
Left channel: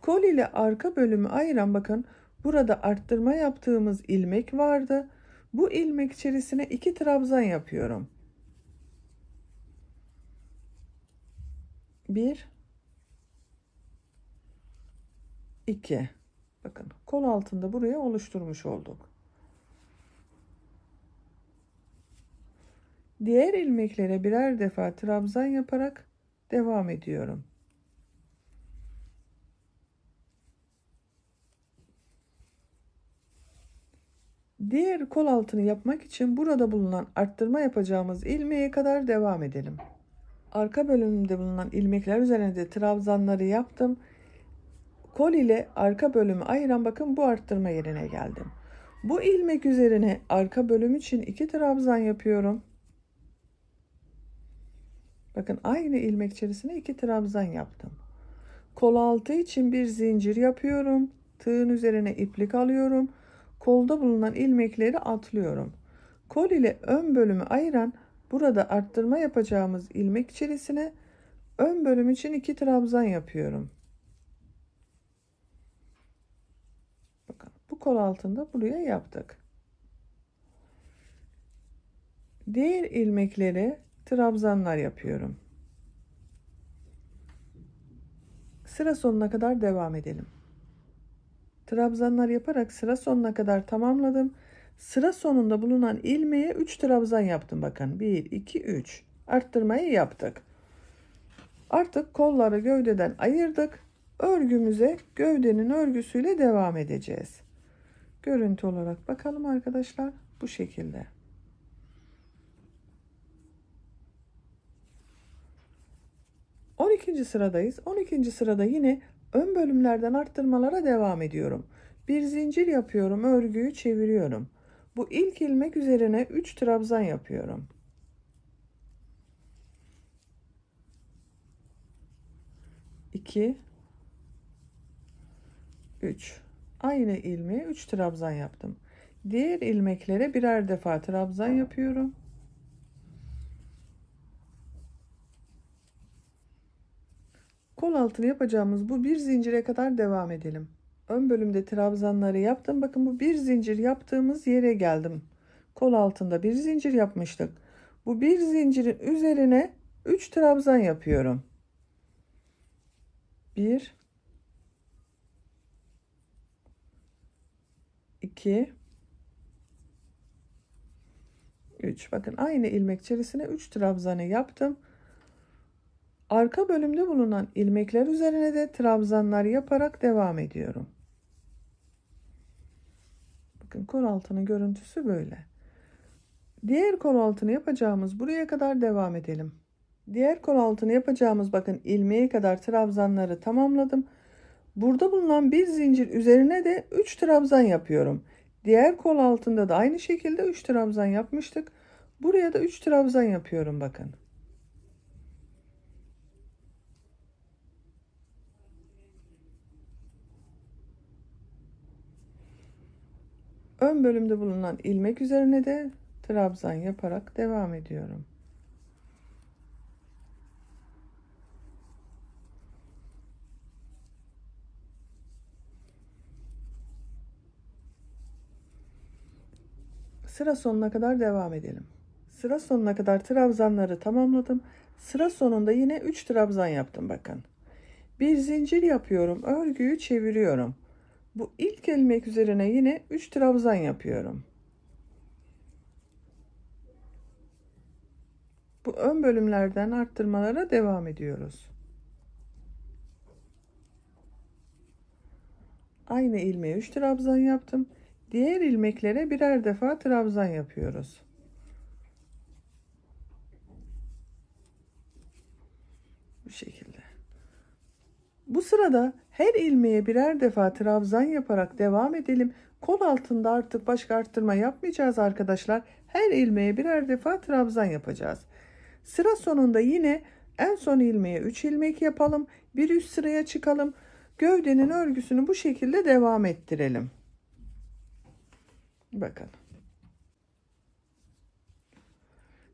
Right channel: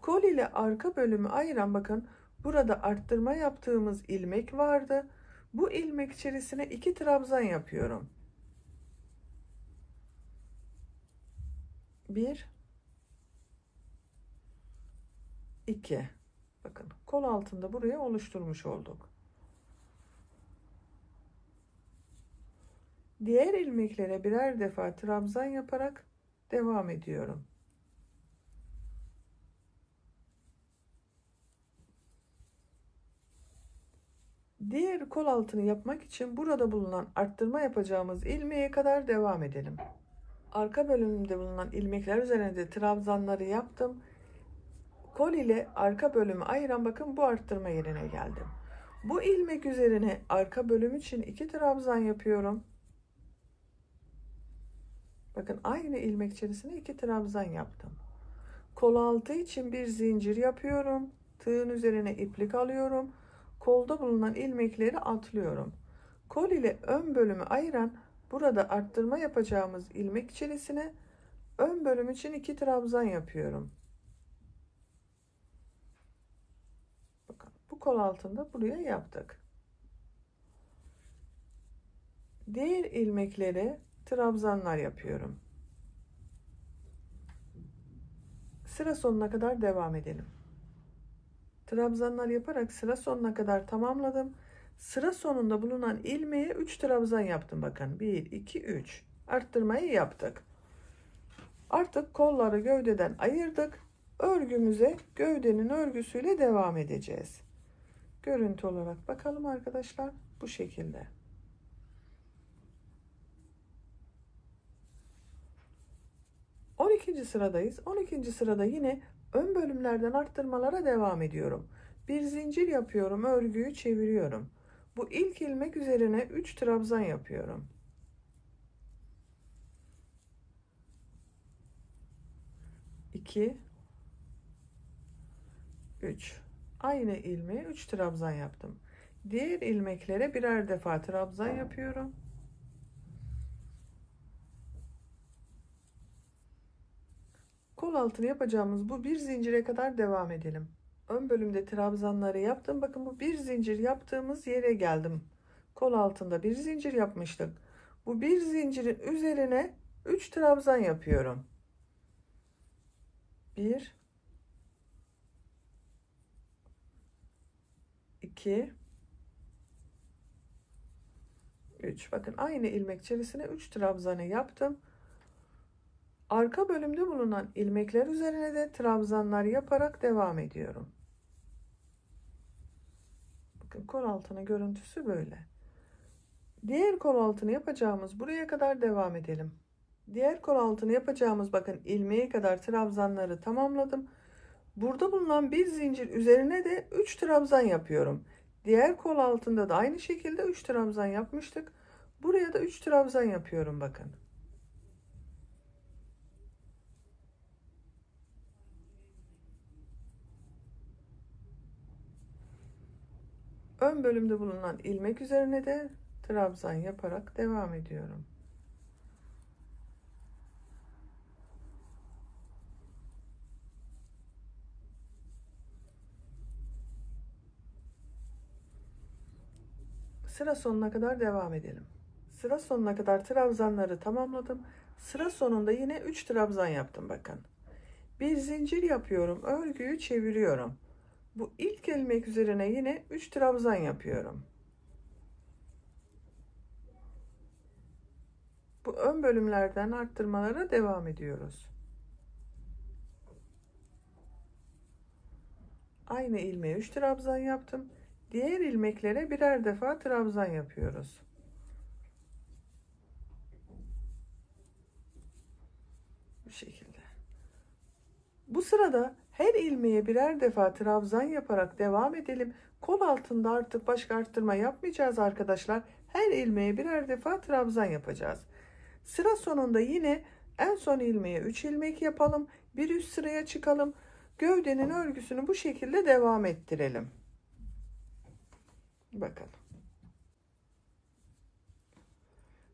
Kol ile arka bölümü ayıran bakın burada arttırma yaptığımız ilmek vardı. Bu ilmek içerisine 2 trabzan yapıyorum. 1 2 bakın kol altında buraya oluşturmuş olduk. Diğer ilmeklere birer defa trabzan yaparak devam ediyorum. Diğer kol altını yapmak için burada bulunan arttırma yapacağımız ilmeğe kadar devam edelim. Arka bölümünde bulunan ilmekler üzerine de trabzanları yaptım. Kol ile arka bölümü ayıran bakın bu arttırma yerine geldim. Bu ilmek üzerine arka bölüm için 2 trabzan yapıyorum. Bakın aynı ilmek içerisine 2 trabzan yaptım. Kol altı için bir zincir yapıyorum. Tığın üzerine iplik alıyorum. Kolda bulunan ilmekleri atlıyorum. Kol ile ön bölümü ayıran burada arttırma yapacağımız ilmek içerisine ön bölüm için 2 trabzan yapıyorum. Bakın bu kol altında buraya yaptık. Diğer ilmekleri trabzanlar yapıyorum. Sıra sonuna kadar devam edelim. Trabzanlar yaparak sıra sonuna kadar tamamladım. Sıra sonunda bulunan ilmeğe 3 trabzan yaptım. Bakın 1 2 3 arttırmayı yaptık. Artık kolları gövdeden ayırdık. Örgümüze gövdenin örgüsüyle devam edeceğiz. Görüntü olarak bakalım arkadaşlar, bu şekilde. Sıradayız. 12. sırada yine ön bölümlerden arttırmalara devam ediyorum. Bir zincir yapıyorum, örgüyü çeviriyorum. Bu ilk ilmek üzerine 3 trabzan yapıyorum. 2 3 aynı ilmeğe 3 trabzan yaptım. Diğer ilmeklere birer defa trabzan yapıyorum. Kol altını yapacağımız bu bir zincire kadar devam edelim. Ön bölümde trabzanları yaptım. Bakın bu bir zincir yaptığımız yere geldim. Kol altında bir zincir yapmıştık. Bu bir zincirin üzerine 3 trabzan yapıyorum. 1 2 3 bakın aynı ilmek içerisine 3 trabzanı yaptım. Arka bölümde bulunan ilmekler üzerine de trabzanlar yaparak devam ediyorum. Bakın kol altının görüntüsü böyle. Diğer kol altını yapacağımız buraya kadar devam edelim. Diğer kol altını yapacağımız bakın ilmeğe kadar trabzanları tamamladım. Burada bulunan bir zincir üzerine de 3 trabzan yapıyorum. Diğer kol altında da aynı şekilde 3 trabzan yapmıştık. Buraya da 3 trabzan yapıyorum bakın. Ön bölümde bulunan ilmek üzerine de trabzan yaparak devam ediyorum. Sıra sonuna kadar devam edelim. Sıra sonuna kadar trabzanları tamamladım. Sıra sonunda yine 3 trabzan yaptım bakın. Bir zincir yapıyorum, örgüyü çeviriyorum. Bu ilk ilmek üzerine yine 3 trabzan yapıyorum. Bu ön bölümlerden arttırmalara devam ediyoruz. Aynı ilmeğe 3 trabzan yaptım. Diğer ilmeklere birer defa trabzan yapıyoruz. Bu şekilde. Bu sırada her ilmeğe birer defa trabzan yaparak devam edelim. Kol altında artık başka arttırma yapmayacağız arkadaşlar. Her ilmeğe birer defa trabzan yapacağız. Sıra sonunda yine en son ilmeğe 3 ilmek yapalım. Bir üst sıraya çıkalım. Gövdenin örgüsünü bu şekilde devam ettirelim. Bakın.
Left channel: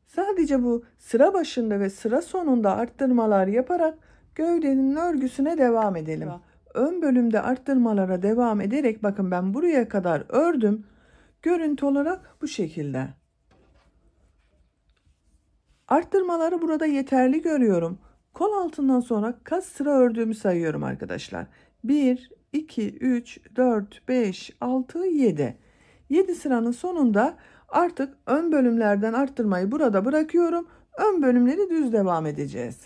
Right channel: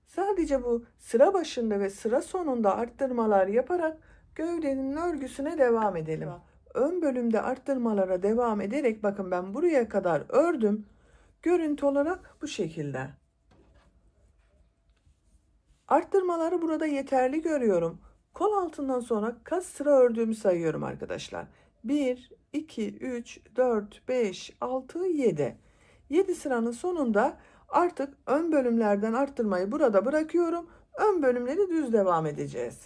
Sadece bu sıra başında ve sıra sonunda arttırmalar yaparak gövdenin örgüsüne devam edelim. Ön bölümde arttırmalara devam ederek bakın ben buraya kadar ördüm. Görüntü olarak bu şekilde. Arttırmaları burada yeterli görüyorum. Kol altından sonra kaç sıra ördüğümü sayıyorum arkadaşlar. 1, 2, 3, 4, 5, 6, 7. 7 sıranın sonunda artık ön bölümlerden arttırmayı burada bırakıyorum. Ön bölümleri düz devam edeceğiz.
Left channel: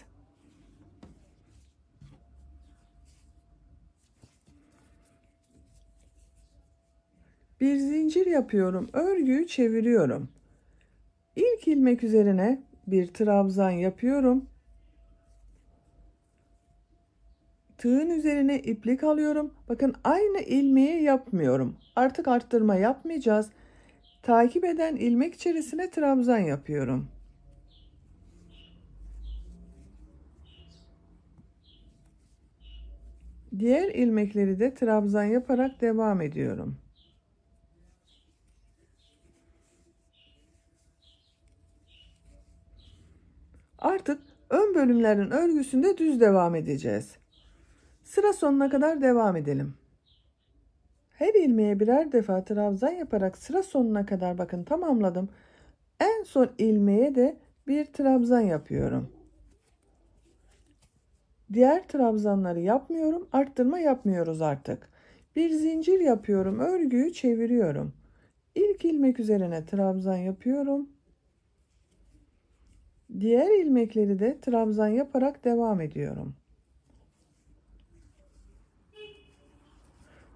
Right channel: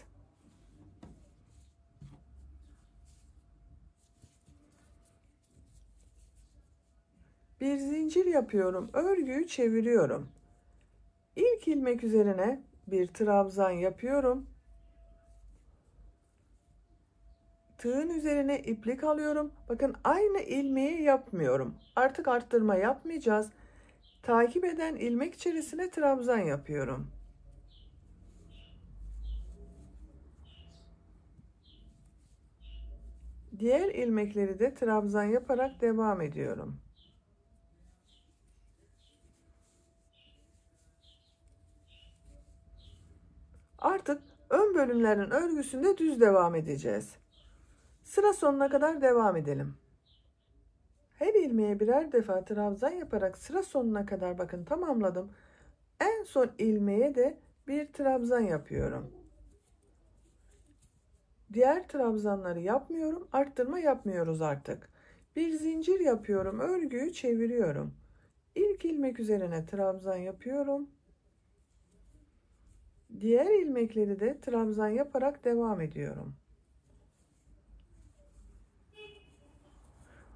Bir zincir yapıyorum. Örgüyü çeviriyorum. İlk ilmek üzerine bir trabzan yapıyorum. tığın üzerine iplik alıyorum. Bakın aynı ilmeği yapmıyorum. Artık arttırma yapmayacağız. Takip eden ilmek içerisine trabzan yapıyorum. Diğer ilmekleri de trabzan yaparak devam ediyorum. Artık ön bölümlerin örgüsünde düz devam edeceğiz. Sıra sonuna kadar devam edelim. Her ilmeğe birer defa trabzan yaparak sıra sonuna kadar bakın tamamladım. En son ilmeğe de bir trabzan yapıyorum. Diğer trabzanları yapmıyorum. Arttırma yapmıyoruz artık. Bir zincir yapıyorum. Örgüyü çeviriyorum. İlk ilmek üzerine trabzan yapıyorum. Diğer ilmekleri de trabzan yaparak devam ediyorum.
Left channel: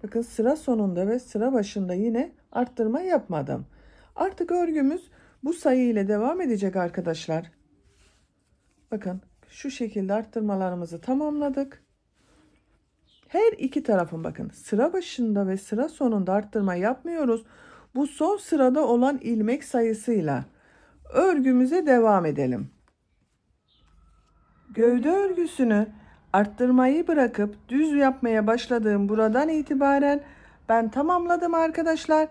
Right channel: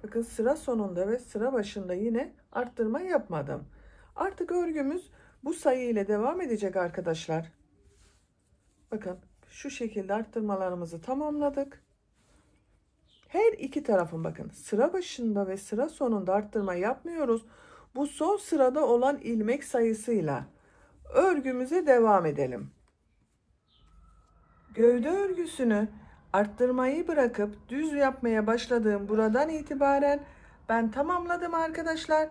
Bakın sıra sonunda ve sıra başında yine arttırma yapmadım. Artık örgümüz bu sayı ile devam edecek arkadaşlar. Bakın şu şekilde arttırmalarımızı tamamladık. Her iki tarafın bakın sıra başında ve sıra sonunda arttırma yapmıyoruz. Bu son sırada olan ilmek sayısıyla örgümüze devam edelim. Gövde örgüsünü arttırmayı bırakıp düz yapmaya başladığım buradan itibaren ben tamamladım arkadaşlar.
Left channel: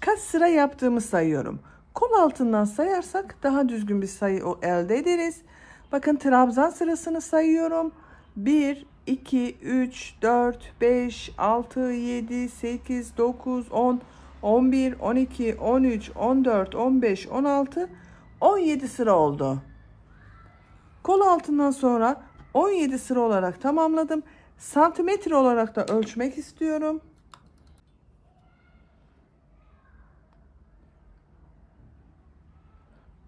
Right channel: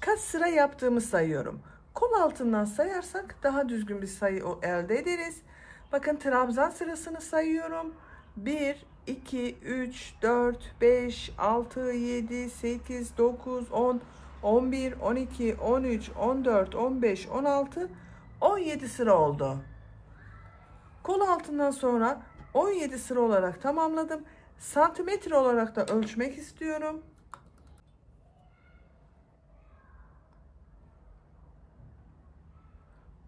Kaç sıra yaptığımı sayıyorum. Kol altından sayarsak daha düzgün bir sayı elde ederiz. Bakın trabzan sırasını sayıyorum. 1, 2, 3, 4, 5, 6, 7, 8, 9, 10, 11, 12, 13, 14, 15, 16, 17 sıra oldu. Kol altından sonra 17 sıra olarak tamamladım. Santimetre olarak da ölçmek istiyorum.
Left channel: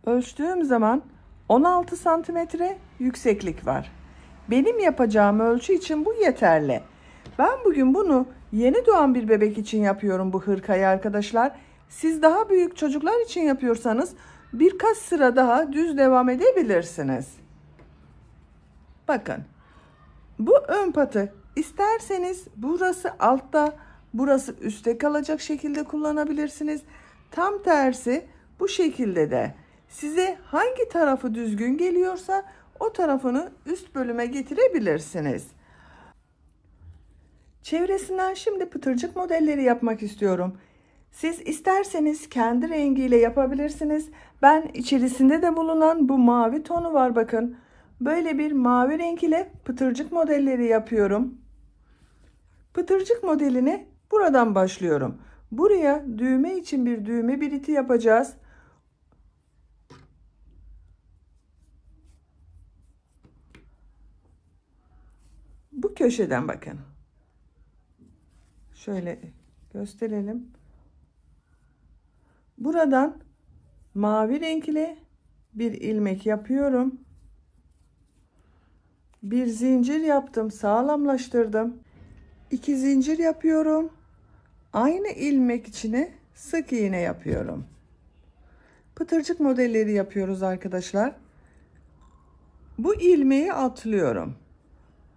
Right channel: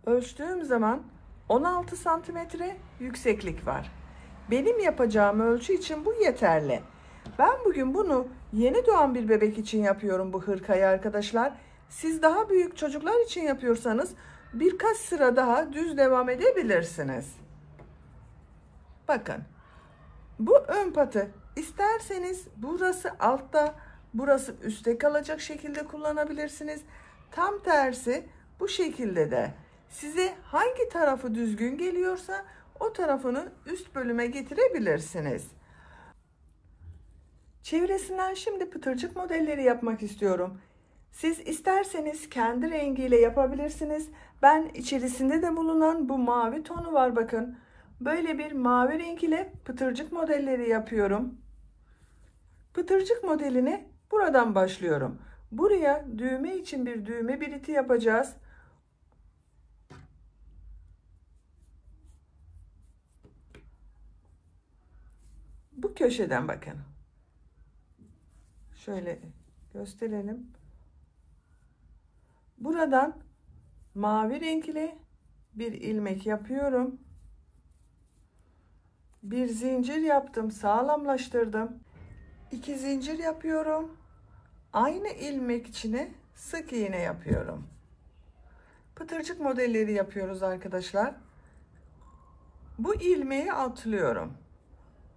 Ölçtüğüm zaman 16 santimetre yükseklik var. Benim yapacağım ölçü için bu yeterli. Ben bugün bunu yeni doğan bir bebek için yapıyorum bu hırkayı arkadaşlar. Siz daha büyük çocuklar için yapıyorsanız birkaç sıra daha düz devam edebilirsiniz. Bakın bu ön patı isterseniz burası altta burası üstte kalacak şekilde kullanabilirsiniz. Tam tersi bu şekilde de size hangi tarafı düzgün geliyorsa o tarafını üst bölüme getirebilirsiniz. Çevresinden şimdi pıtırcık modelleri yapmak istiyorum. Siz isterseniz kendi rengiyle yapabilirsiniz. Ben içerisinde de bulunan bu mavi tonu var bakın. Böyle bir mavi renk ile pıtırcık modelleri yapıyorum. Pıtırcık modelini buradan başlıyorum. Buraya düğme için bir düğme biriti yapacağız. Bu köşeden bakın. Şöyle gösterelim. Buradan mavi renkli bir ilmek yapıyorum. Bir zincir yaptım, sağlamlaştırdım. 2 zincir yapıyorum. Aynı ilmek içine sık iğne yapıyorum. Pıtırcık modelleri yapıyoruz arkadaşlar. Bu ilmeği atlıyorum.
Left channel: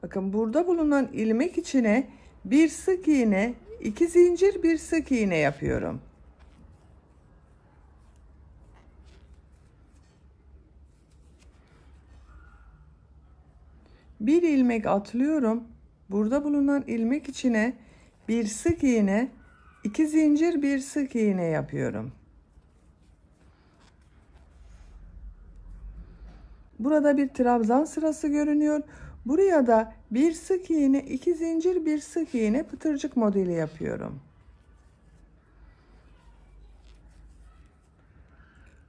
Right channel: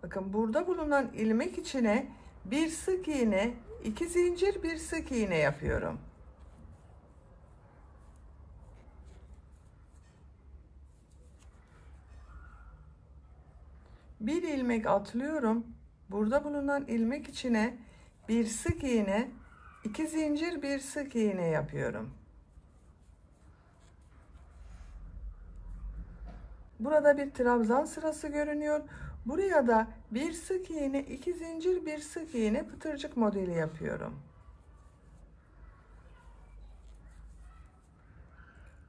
Bakın burada bulunan ilmek içine bir sık iğne, 2 zincir, bir sık iğne yapıyorum. Bir ilmek atlıyorum. Burada bulunan ilmek içine bir sık iğne, 2 zincir, bir sık iğne yapıyorum. Burada bir trabzan sırası görünüyor. Buraya da bir sık iğne, 2 zincir, bir sık iğne pıtırcık modeli yapıyorum.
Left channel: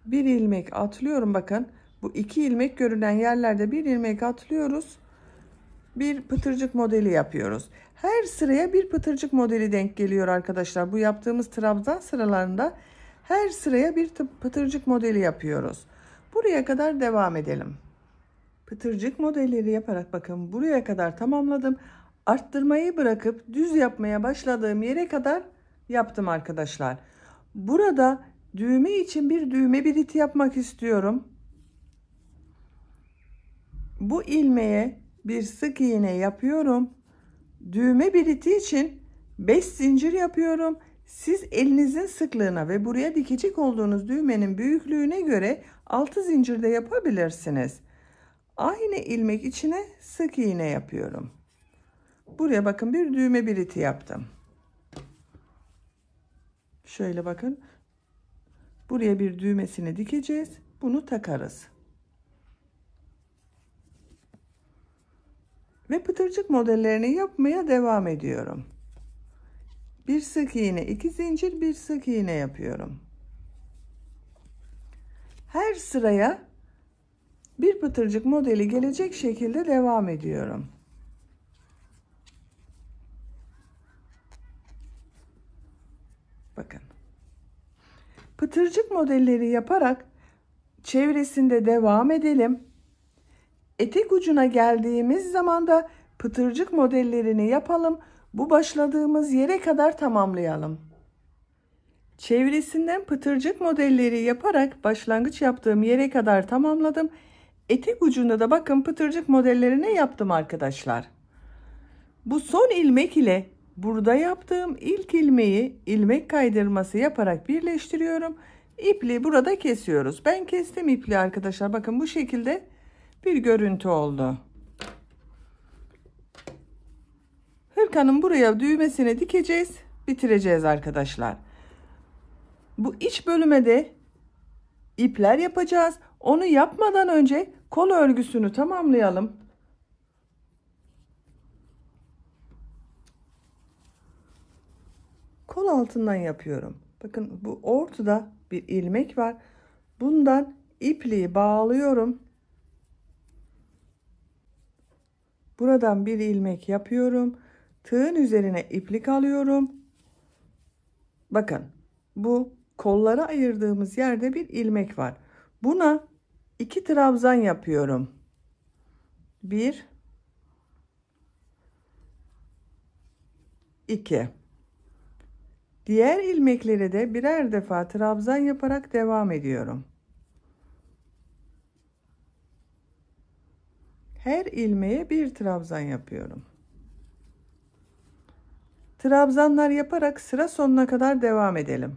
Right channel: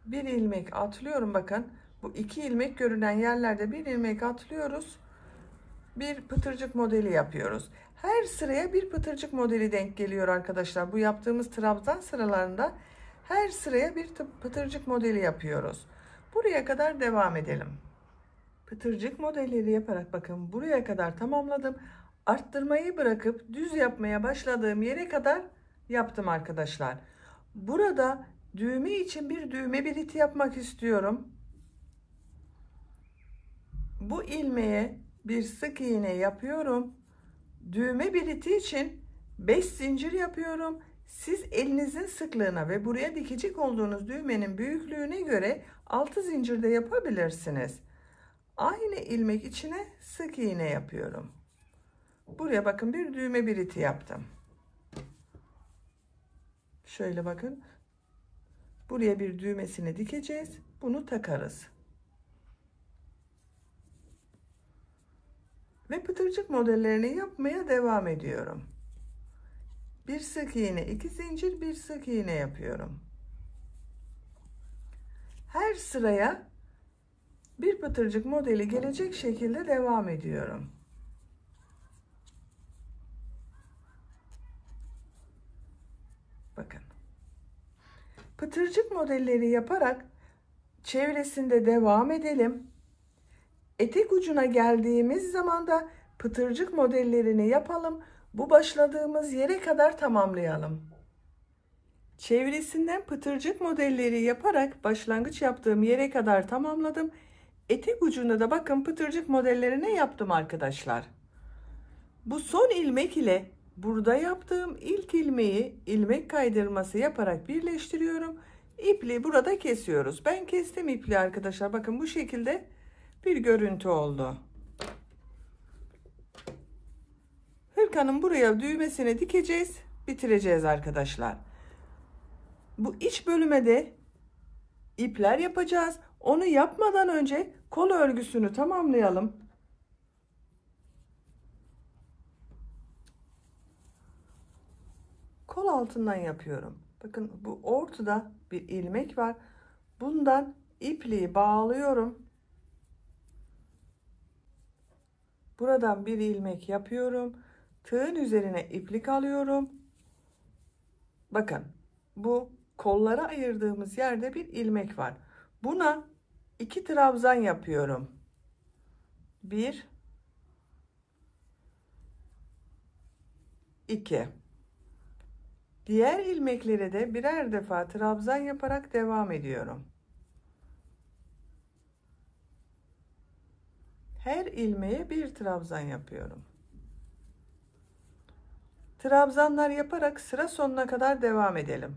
Bir ilmek atlıyorum bakın. Bu 2 ilmek görünen yerlerde bir ilmek atlıyoruz. Bir pıtırcık modeli yapıyoruz. Her sıraya bir pıtırcık modeli denk geliyor arkadaşlar. Bu yaptığımız trabzan sıralarında her sıraya bir pıtırcık modeli yapıyoruz. Buraya kadar devam edelim. Pıtırcık modelleri yaparak bakın buraya kadar tamamladım. Arttırmayı bırakıp düz yapmaya başladığım yere kadar yaptım arkadaşlar. Burada düğme için bir düğme biriti yapmak istiyorum. Bu ilmeğe bir sık iğne yapıyorum. Düğme biriti için 5 zincir yapıyorum. Siz elinizin sıklığına ve buraya dikecek olduğunuz düğmenin büyüklüğüne göre 6 zincir de yapabilirsiniz. Aynı ilmek içine sık iğne yapıyorum. Buraya bakın, bir düğme biriti yaptım. Şöyle bakın. Buraya bir düğmesini dikeceğiz. Bunu takarız. Ve pıtırcık modellerini yapmaya devam ediyorum. Bir sık iğne, 2 zincir, bir sık iğne yapıyorum. Her sıraya bir pıtırcık modeli gelecek şekilde devam ediyorum. Bakın. Pıtırcık modelleri yaparak çevresinde devam edelim. Etek ucuna geldiğimiz zaman da pıtırcık modellerini yapalım. Bu başladığımız yere kadar tamamlayalım. Çevresinden pıtırcık modelleri yaparak başlangıç yaptığım yere kadar tamamladım. Etek ucunda da bakın pıtırcık modellerini yaptım arkadaşlar. Bu son ilmek ile burada yaptığım ilk ilmeği ilmek kaydırması yaparak birleştiriyorum. İpliği burada kesiyoruz. Ben kestim ipliği arkadaşlar. Bakın bu şekilde bir görüntü oldu. Hırkanın buraya düğmesini dikeceğiz, bitireceğiz arkadaşlar. Bu iç bölüme de ipler yapacağız. Onu yapmadan önce kol örgüsünü tamamlayalım. Kol altından yapıyorum. Bakın bu ortada bir ilmek var. Bundan ipliği bağlıyorum. Buradan bir ilmek yapıyorum. Tığın üzerine iplik alıyorum. Bakın bu kolları ayırdığımız yerde bir ilmek var. Buna 2 trabzan yapıyorum. 1 2. Diğer ilmekleri de birer defa trabzan yaparak devam ediyorum. Her ilmeğe bir trabzan yapıyorum. Trabzanlar yaparak sıra sonuna kadar devam edelim.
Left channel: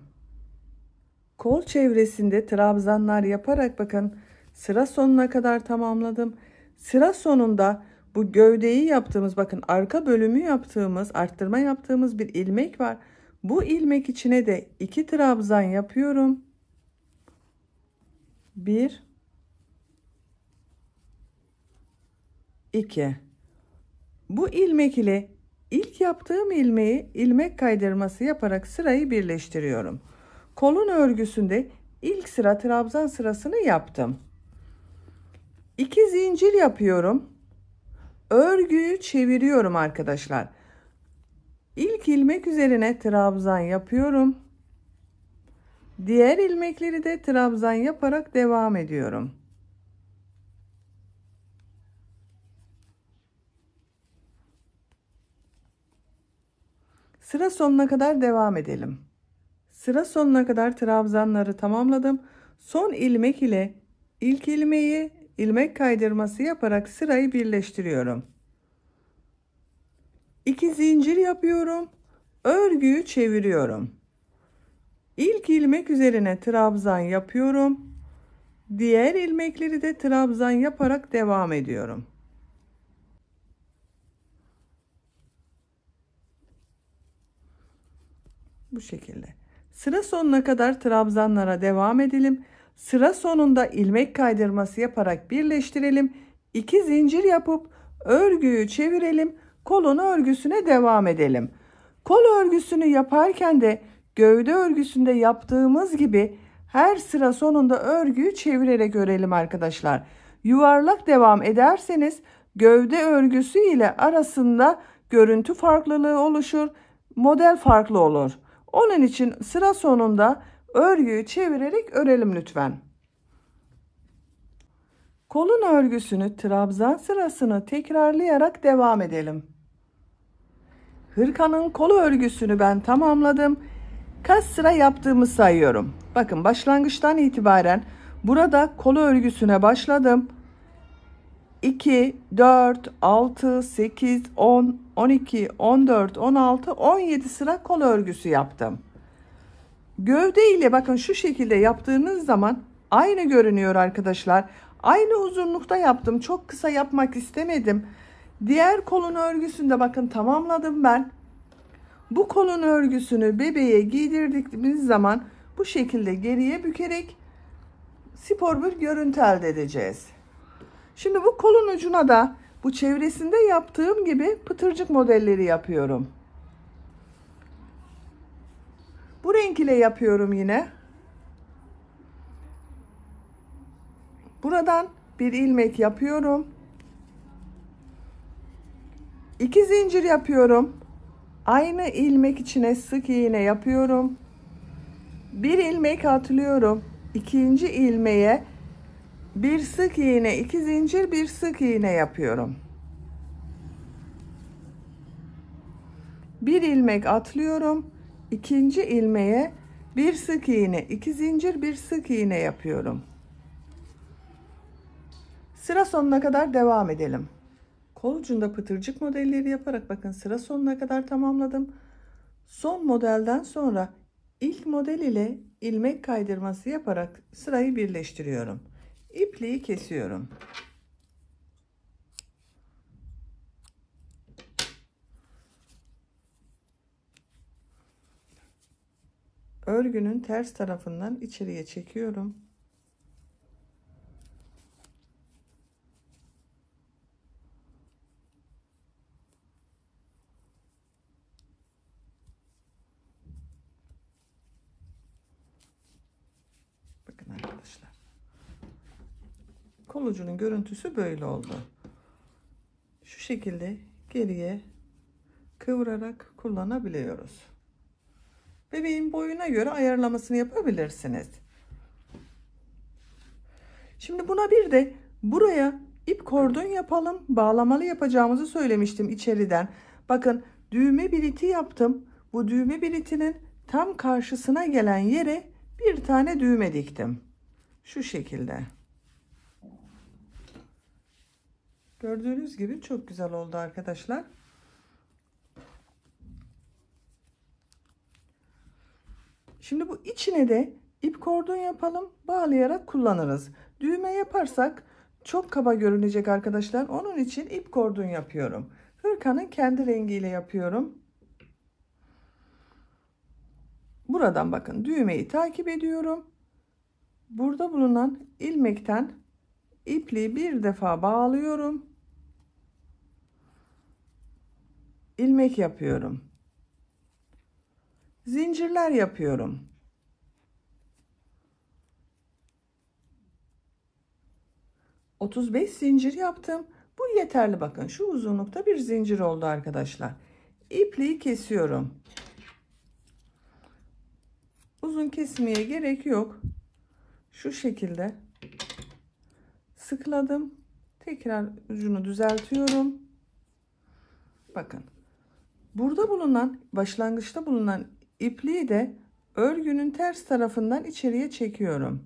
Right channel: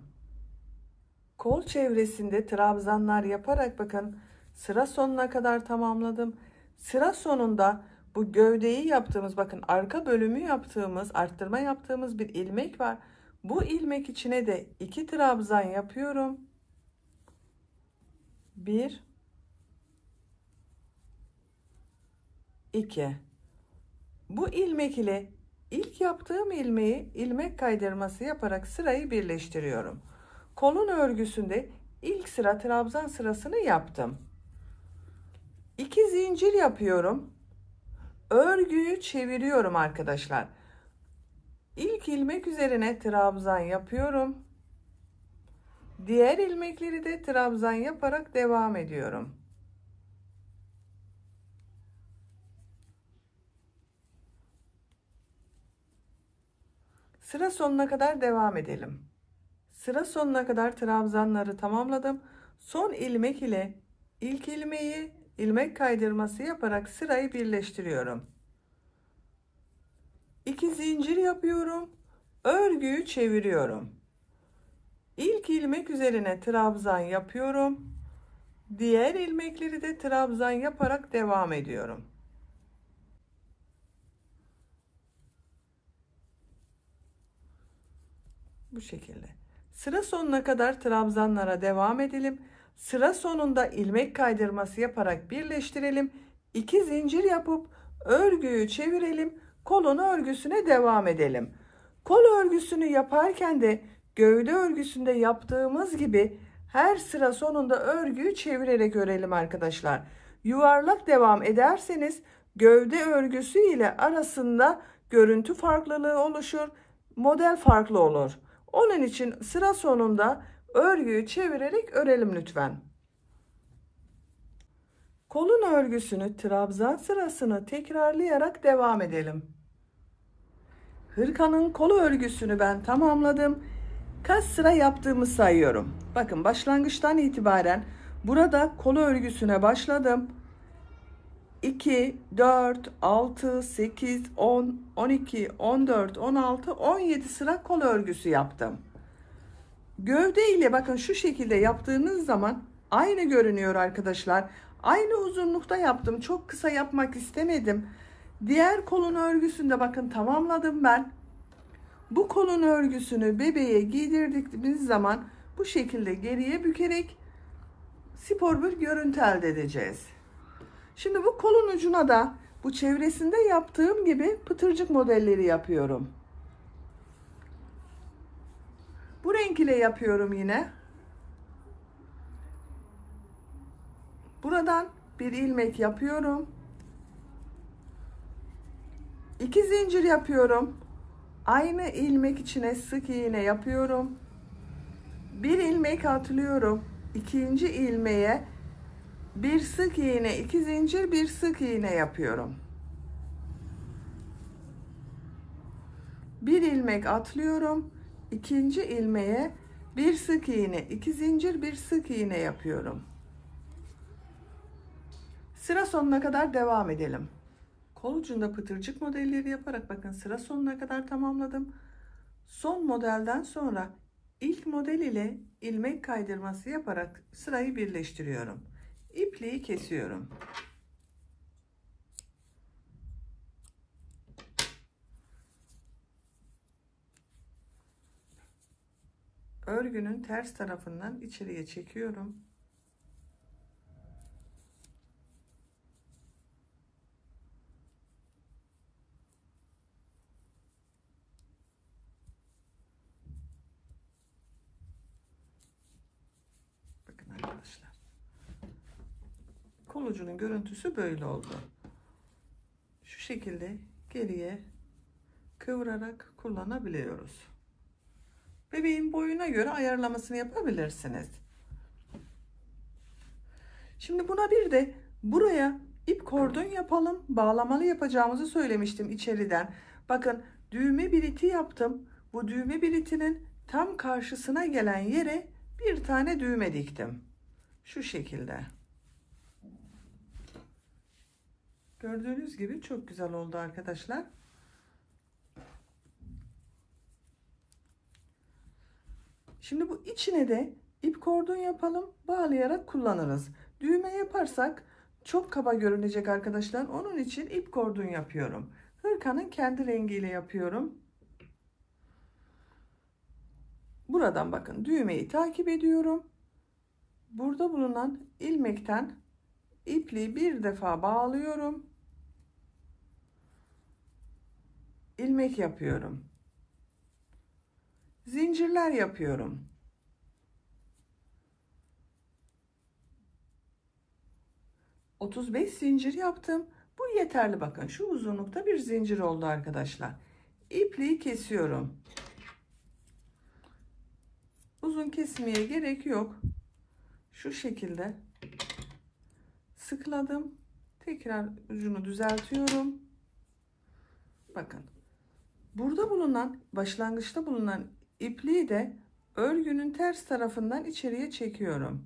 Kol çevresinde trabzanlar yaparak bakın sıra sonuna kadar tamamladım. Sıra sonunda bu gövdeyi yaptığımız, bakın arka bölümü yaptığımız, arttırma yaptığımız bir ilmek var. Bu ilmek içine de 2 trabzan yapıyorum. 1 2. Bu ilmek ile ilk yaptığım ilmeği ilmek kaydırması yaparak sırayı birleştiriyorum. Kolun örgüsünde ilk sıra trabzan sırasını yaptım. 2 zincir yapıyorum. Örgüyü çeviriyorum arkadaşlar. İlk ilmek üzerine trabzan yapıyorum. Diğer ilmekleri de trabzan yaparak devam ediyorum. Sıra sonuna kadar devam edelim. Sıra sonuna kadar trabzanları tamamladım. Son ilmek ile ilk ilmeği ilmek kaydırması yaparak sırayı birleştiriyorum. 2 zincir yapıyorum. Örgüyü çeviriyorum. İlk ilmek üzerine trabzan yapıyorum. Diğer ilmekleri de trabzan yaparak devam ediyorum. Bu şekilde. Sıra sonuna kadar trabzanlara devam edelim. Sıra sonunda ilmek kaydırması yaparak birleştirelim. 2 zincir yapıp örgüyü çevirelim. Kolun örgüsüne devam edelim. Kol örgüsünü yaparken de gövde örgüsünde yaptığımız gibi her sıra sonunda örgüyü çevirerek örelim arkadaşlar. Yuvarlak devam ederseniz gövde örgüsü ile arasında görüntü farklılığı oluşur. Model farklı olur. Onun için sıra sonunda örgüyü çevirerek örelim lütfen. Kolun örgüsünü trabzan sırasını tekrarlayarak devam edelim. Hırkanın kol örgüsünü ben tamamladım. Kaç sıra yaptığımı sayıyorum. Bakın başlangıçtan itibaren burada kol örgüsüne başladım. 2, 4, 6, 8, 10, 12, 14, 16, 17 sıra kol örgüsü yaptım. Gövde ile bakın şu şekilde yaptığınız zaman aynı görünüyor arkadaşlar. Aynı uzunlukta yaptım. Çok kısa yapmak istemedim. Diğer kolun örgüsünde bakın tamamladım ben. Bu kolun örgüsünü bebeğe giydirdiğimiz zaman bu şekilde geriye bükerek spor bir görüntü elde edeceğiz. Şimdi bu kolun ucuna da bu çevresinde yaptığım gibi pıtırcık modelleri yapıyorum. Bu renk ile yapıyorum yine. Buradan bir ilmek yapıyorum. 2 zincir yapıyorum. Aynı ilmek içine sık iğne yapıyorum. Bir ilmek atlıyorum. İkinci ilmeğe bir sık iğne, 2 zincir, bir sık iğne yapıyorum. Bir ilmek atlıyorum. İkinci ilmeğe bir sık iğne, 2 zincir, bir sık iğne yapıyorum. Sıra sonuna kadar devam edelim. Kol ucunda pıtırcık modelleri yaparak bakın sıra sonuna kadar tamamladım. Son modelden sonra ilk model ile ilmek kaydırması yaparak sırayı birleştiriyorum. İpliği kesiyorum. Örgünün ters tarafından içeriye çekiyorum. Bakın arkadaşlar. Kol ucunun görüntüsü böyle oldu. Şu şekilde geriye kıvırarak kullanabiliyoruz. Bebeğin boyuna göre ayarlamasını yapabilirsiniz. Şimdi buna bir de buraya ip kordon yapalım. Bağlamalı yapacağımızı söylemiştim içeriden. Bakın düğme biliti yaptım. Bu düğme bilitinin tam karşısına gelen yere bir tane düğme diktim. Şu şekilde. Gördüğünüz gibi çok güzel oldu arkadaşlar. Şimdi bu içine de ip kordon yapalım. Bağlayarak kullanırız. Düğme yaparsak çok kaba görünecek arkadaşlar. Onun için ip kordon yapıyorum. Hırkanın kendi rengiyle yapıyorum. Buradan bakın düğmeyi takip ediyorum. Burada bulunan ilmekten ipliği bir defa bağlıyorum. İlmek yapıyorum. Zincirler yapıyorum. ...35 zincir yaptım. Bu yeterli bakın. Şu uzunlukta bir zincir oldu arkadaşlar. İpliği kesiyorum. Uzun kesmeye gerek yok. Şu şekilde sıkladım. Tekrar ucunu düzeltiyorum. Bakın. Burada bulunan, başlangıçta bulunan ipliği de örgünün ters tarafından içeriye çekiyorum.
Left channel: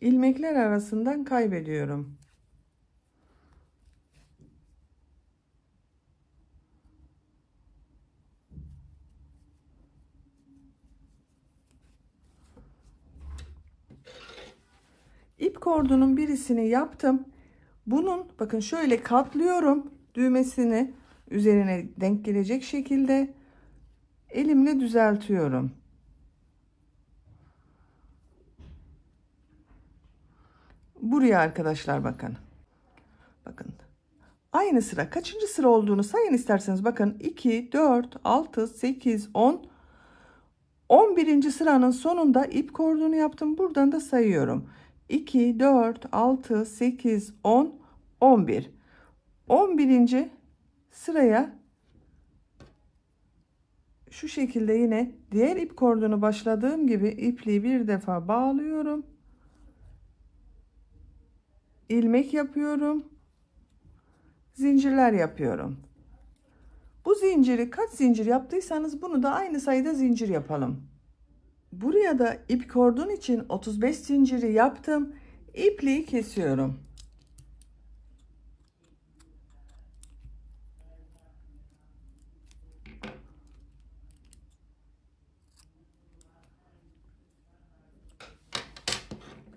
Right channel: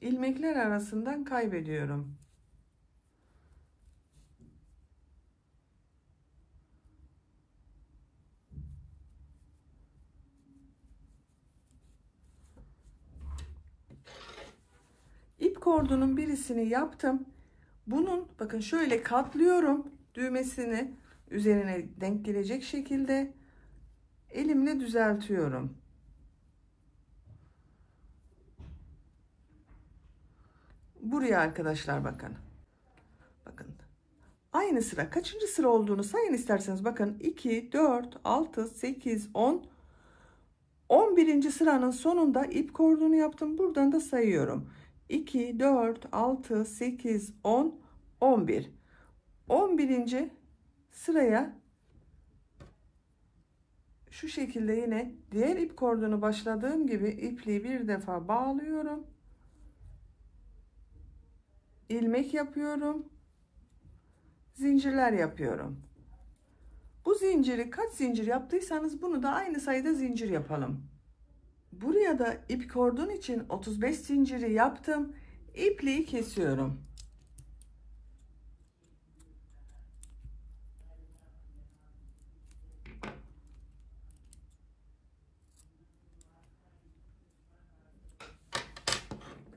İlmekler arasından kaybediyorum. İp kordonun birisini yaptım. Bunun bakın şöyle katlıyorum düğmesini üzerine denk gelecek şekilde elimle düzeltiyorum. Buraya arkadaşlar bakın. Bakın. Aynı sıra kaçıncı sıra olduğunu sayın isterseniz. Bakın 2, 4, 6, 8, 10. 11. sıranın sonunda ip kordonu yaptım. Buradan da sayıyorum. 2, 4, 6, 8, 10, 11. 11. sıraya şu şekilde yine diğer ip kordonu başladığım gibi ipliği bir defa bağlıyorum. İlmek yapıyorum. Zincirler yapıyorum. Bu zinciri kaç zincir yaptıysanız bunu da aynı sayıda zincir yapalım. Buraya da ip kordon için 35 zinciri yaptım. İpliği kesiyorum.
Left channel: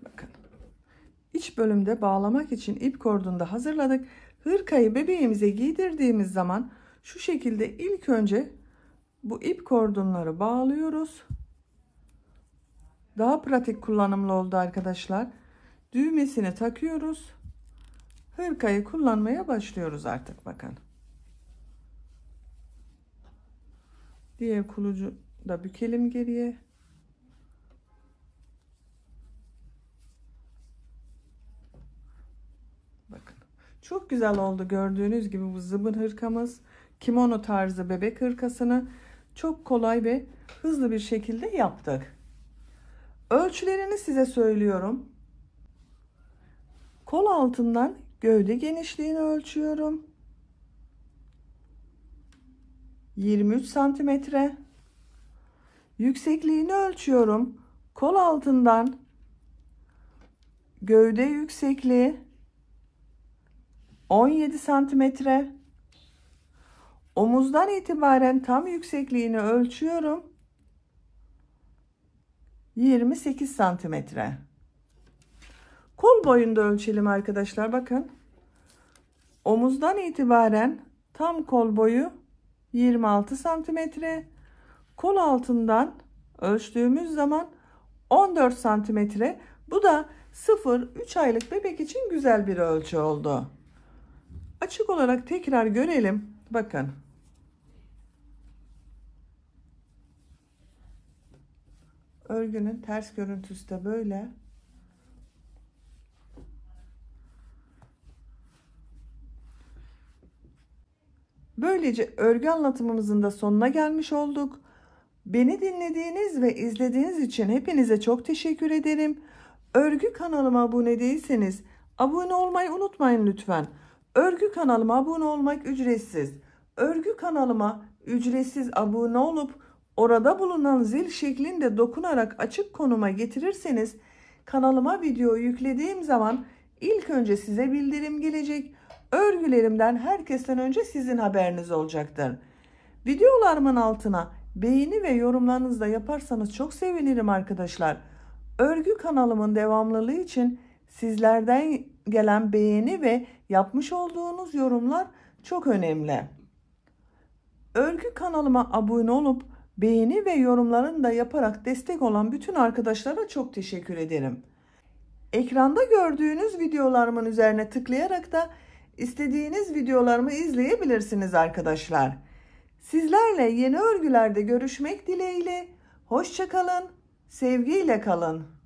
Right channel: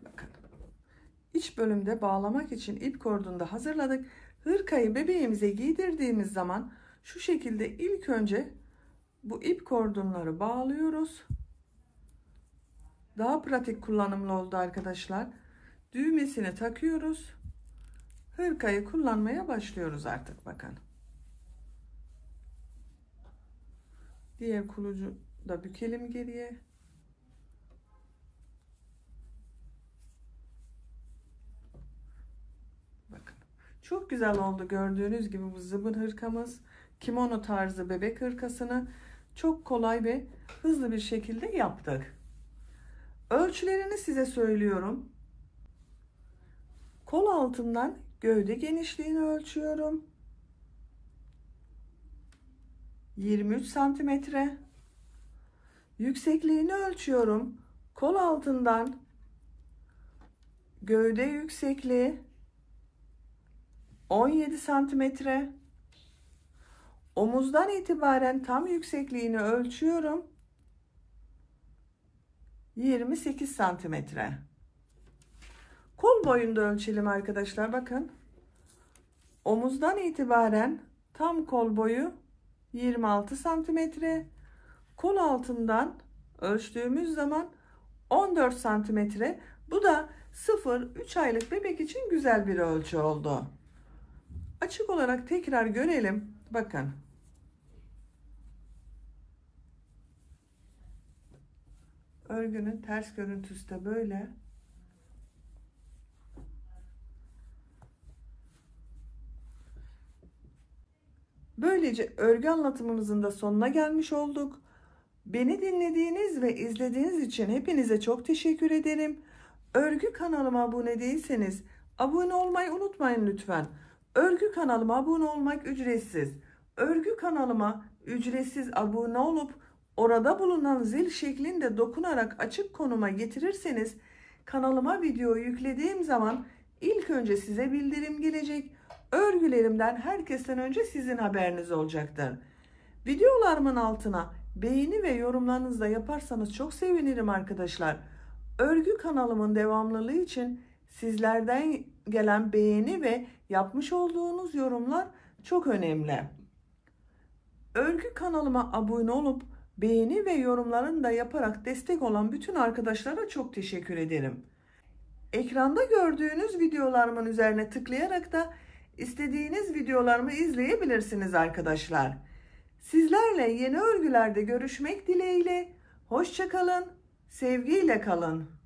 Bakın. İç bölümde bağlamak için ip kordonu da hazırladık. Hırkayı bebeğimize giydirdiğimiz zaman şu şekilde ilk önce bu ip kordonları bağlıyoruz. Daha pratik kullanımlı oldu arkadaşlar. Düğmesini takıyoruz. Hırkayı kullanmaya başlıyoruz artık bakın. Diğer kulucu da bükelim geriye. Bakın. Çok güzel oldu gördüğünüz gibi bu zıbın hırkamız. Kimono tarzı bebek hırkasını çok kolay ve hızlı bir şekilde yaptık. Ölçülerini size söylüyorum. Kol altından gövde genişliğini ölçüyorum. 23 santimetre. Yüksekliğini ölçüyorum. Kol altından gövde yüksekliği 17 santimetre. Omuzdan itibaren tam yüksekliğini ölçüyorum. 28 santimetre. Kol boyunda ölçelim arkadaşlar. Bakın. Omuzdan itibaren tam kol boyu 26 santimetre. Kol altından ölçtüğümüz zaman 14 santimetre. Bu da 0-3 aylık bebek için güzel bir ölçü oldu. Açık olarak tekrar görelim. Bakın. Örgünün ters görüntüsü de böyle. Böylece örgü anlatımımızın da sonuna gelmiş olduk. Beni dinlediğiniz ve izlediğiniz için hepinize çok teşekkür ederim. Örgü kanalıma abone değilseniz abone olmayı unutmayın lütfen. Örgü kanalıma abone olmak ücretsiz. Örgü kanalıma ücretsiz abone olup orada bulunan zil şeklinde dokunarak açık konuma getirirseniz kanalıma video yüklediğim zaman ilk önce size bildirim gelecek. Örgülerimden herkesten önce sizin haberiniz olacaktır. Videolarımın altına beğeni ve yorumlarınızı da yaparsanız çok sevinirim arkadaşlar. Örgü kanalımın devamlılığı için sizlerden gelen beğeni ve yapmış olduğunuz yorumlar çok önemli. Örgü kanalıma abone olup beğeni ve yorumlarını da yaparak destek olan bütün arkadaşlara çok teşekkür ederim. Ekranda gördüğünüz videolarımın üzerine tıklayarak da istediğiniz videolarımı izleyebilirsiniz arkadaşlar. Sizlerle yeni örgülerde görüşmek dileğiyle. Hoşça kalın, sevgiyle kalın.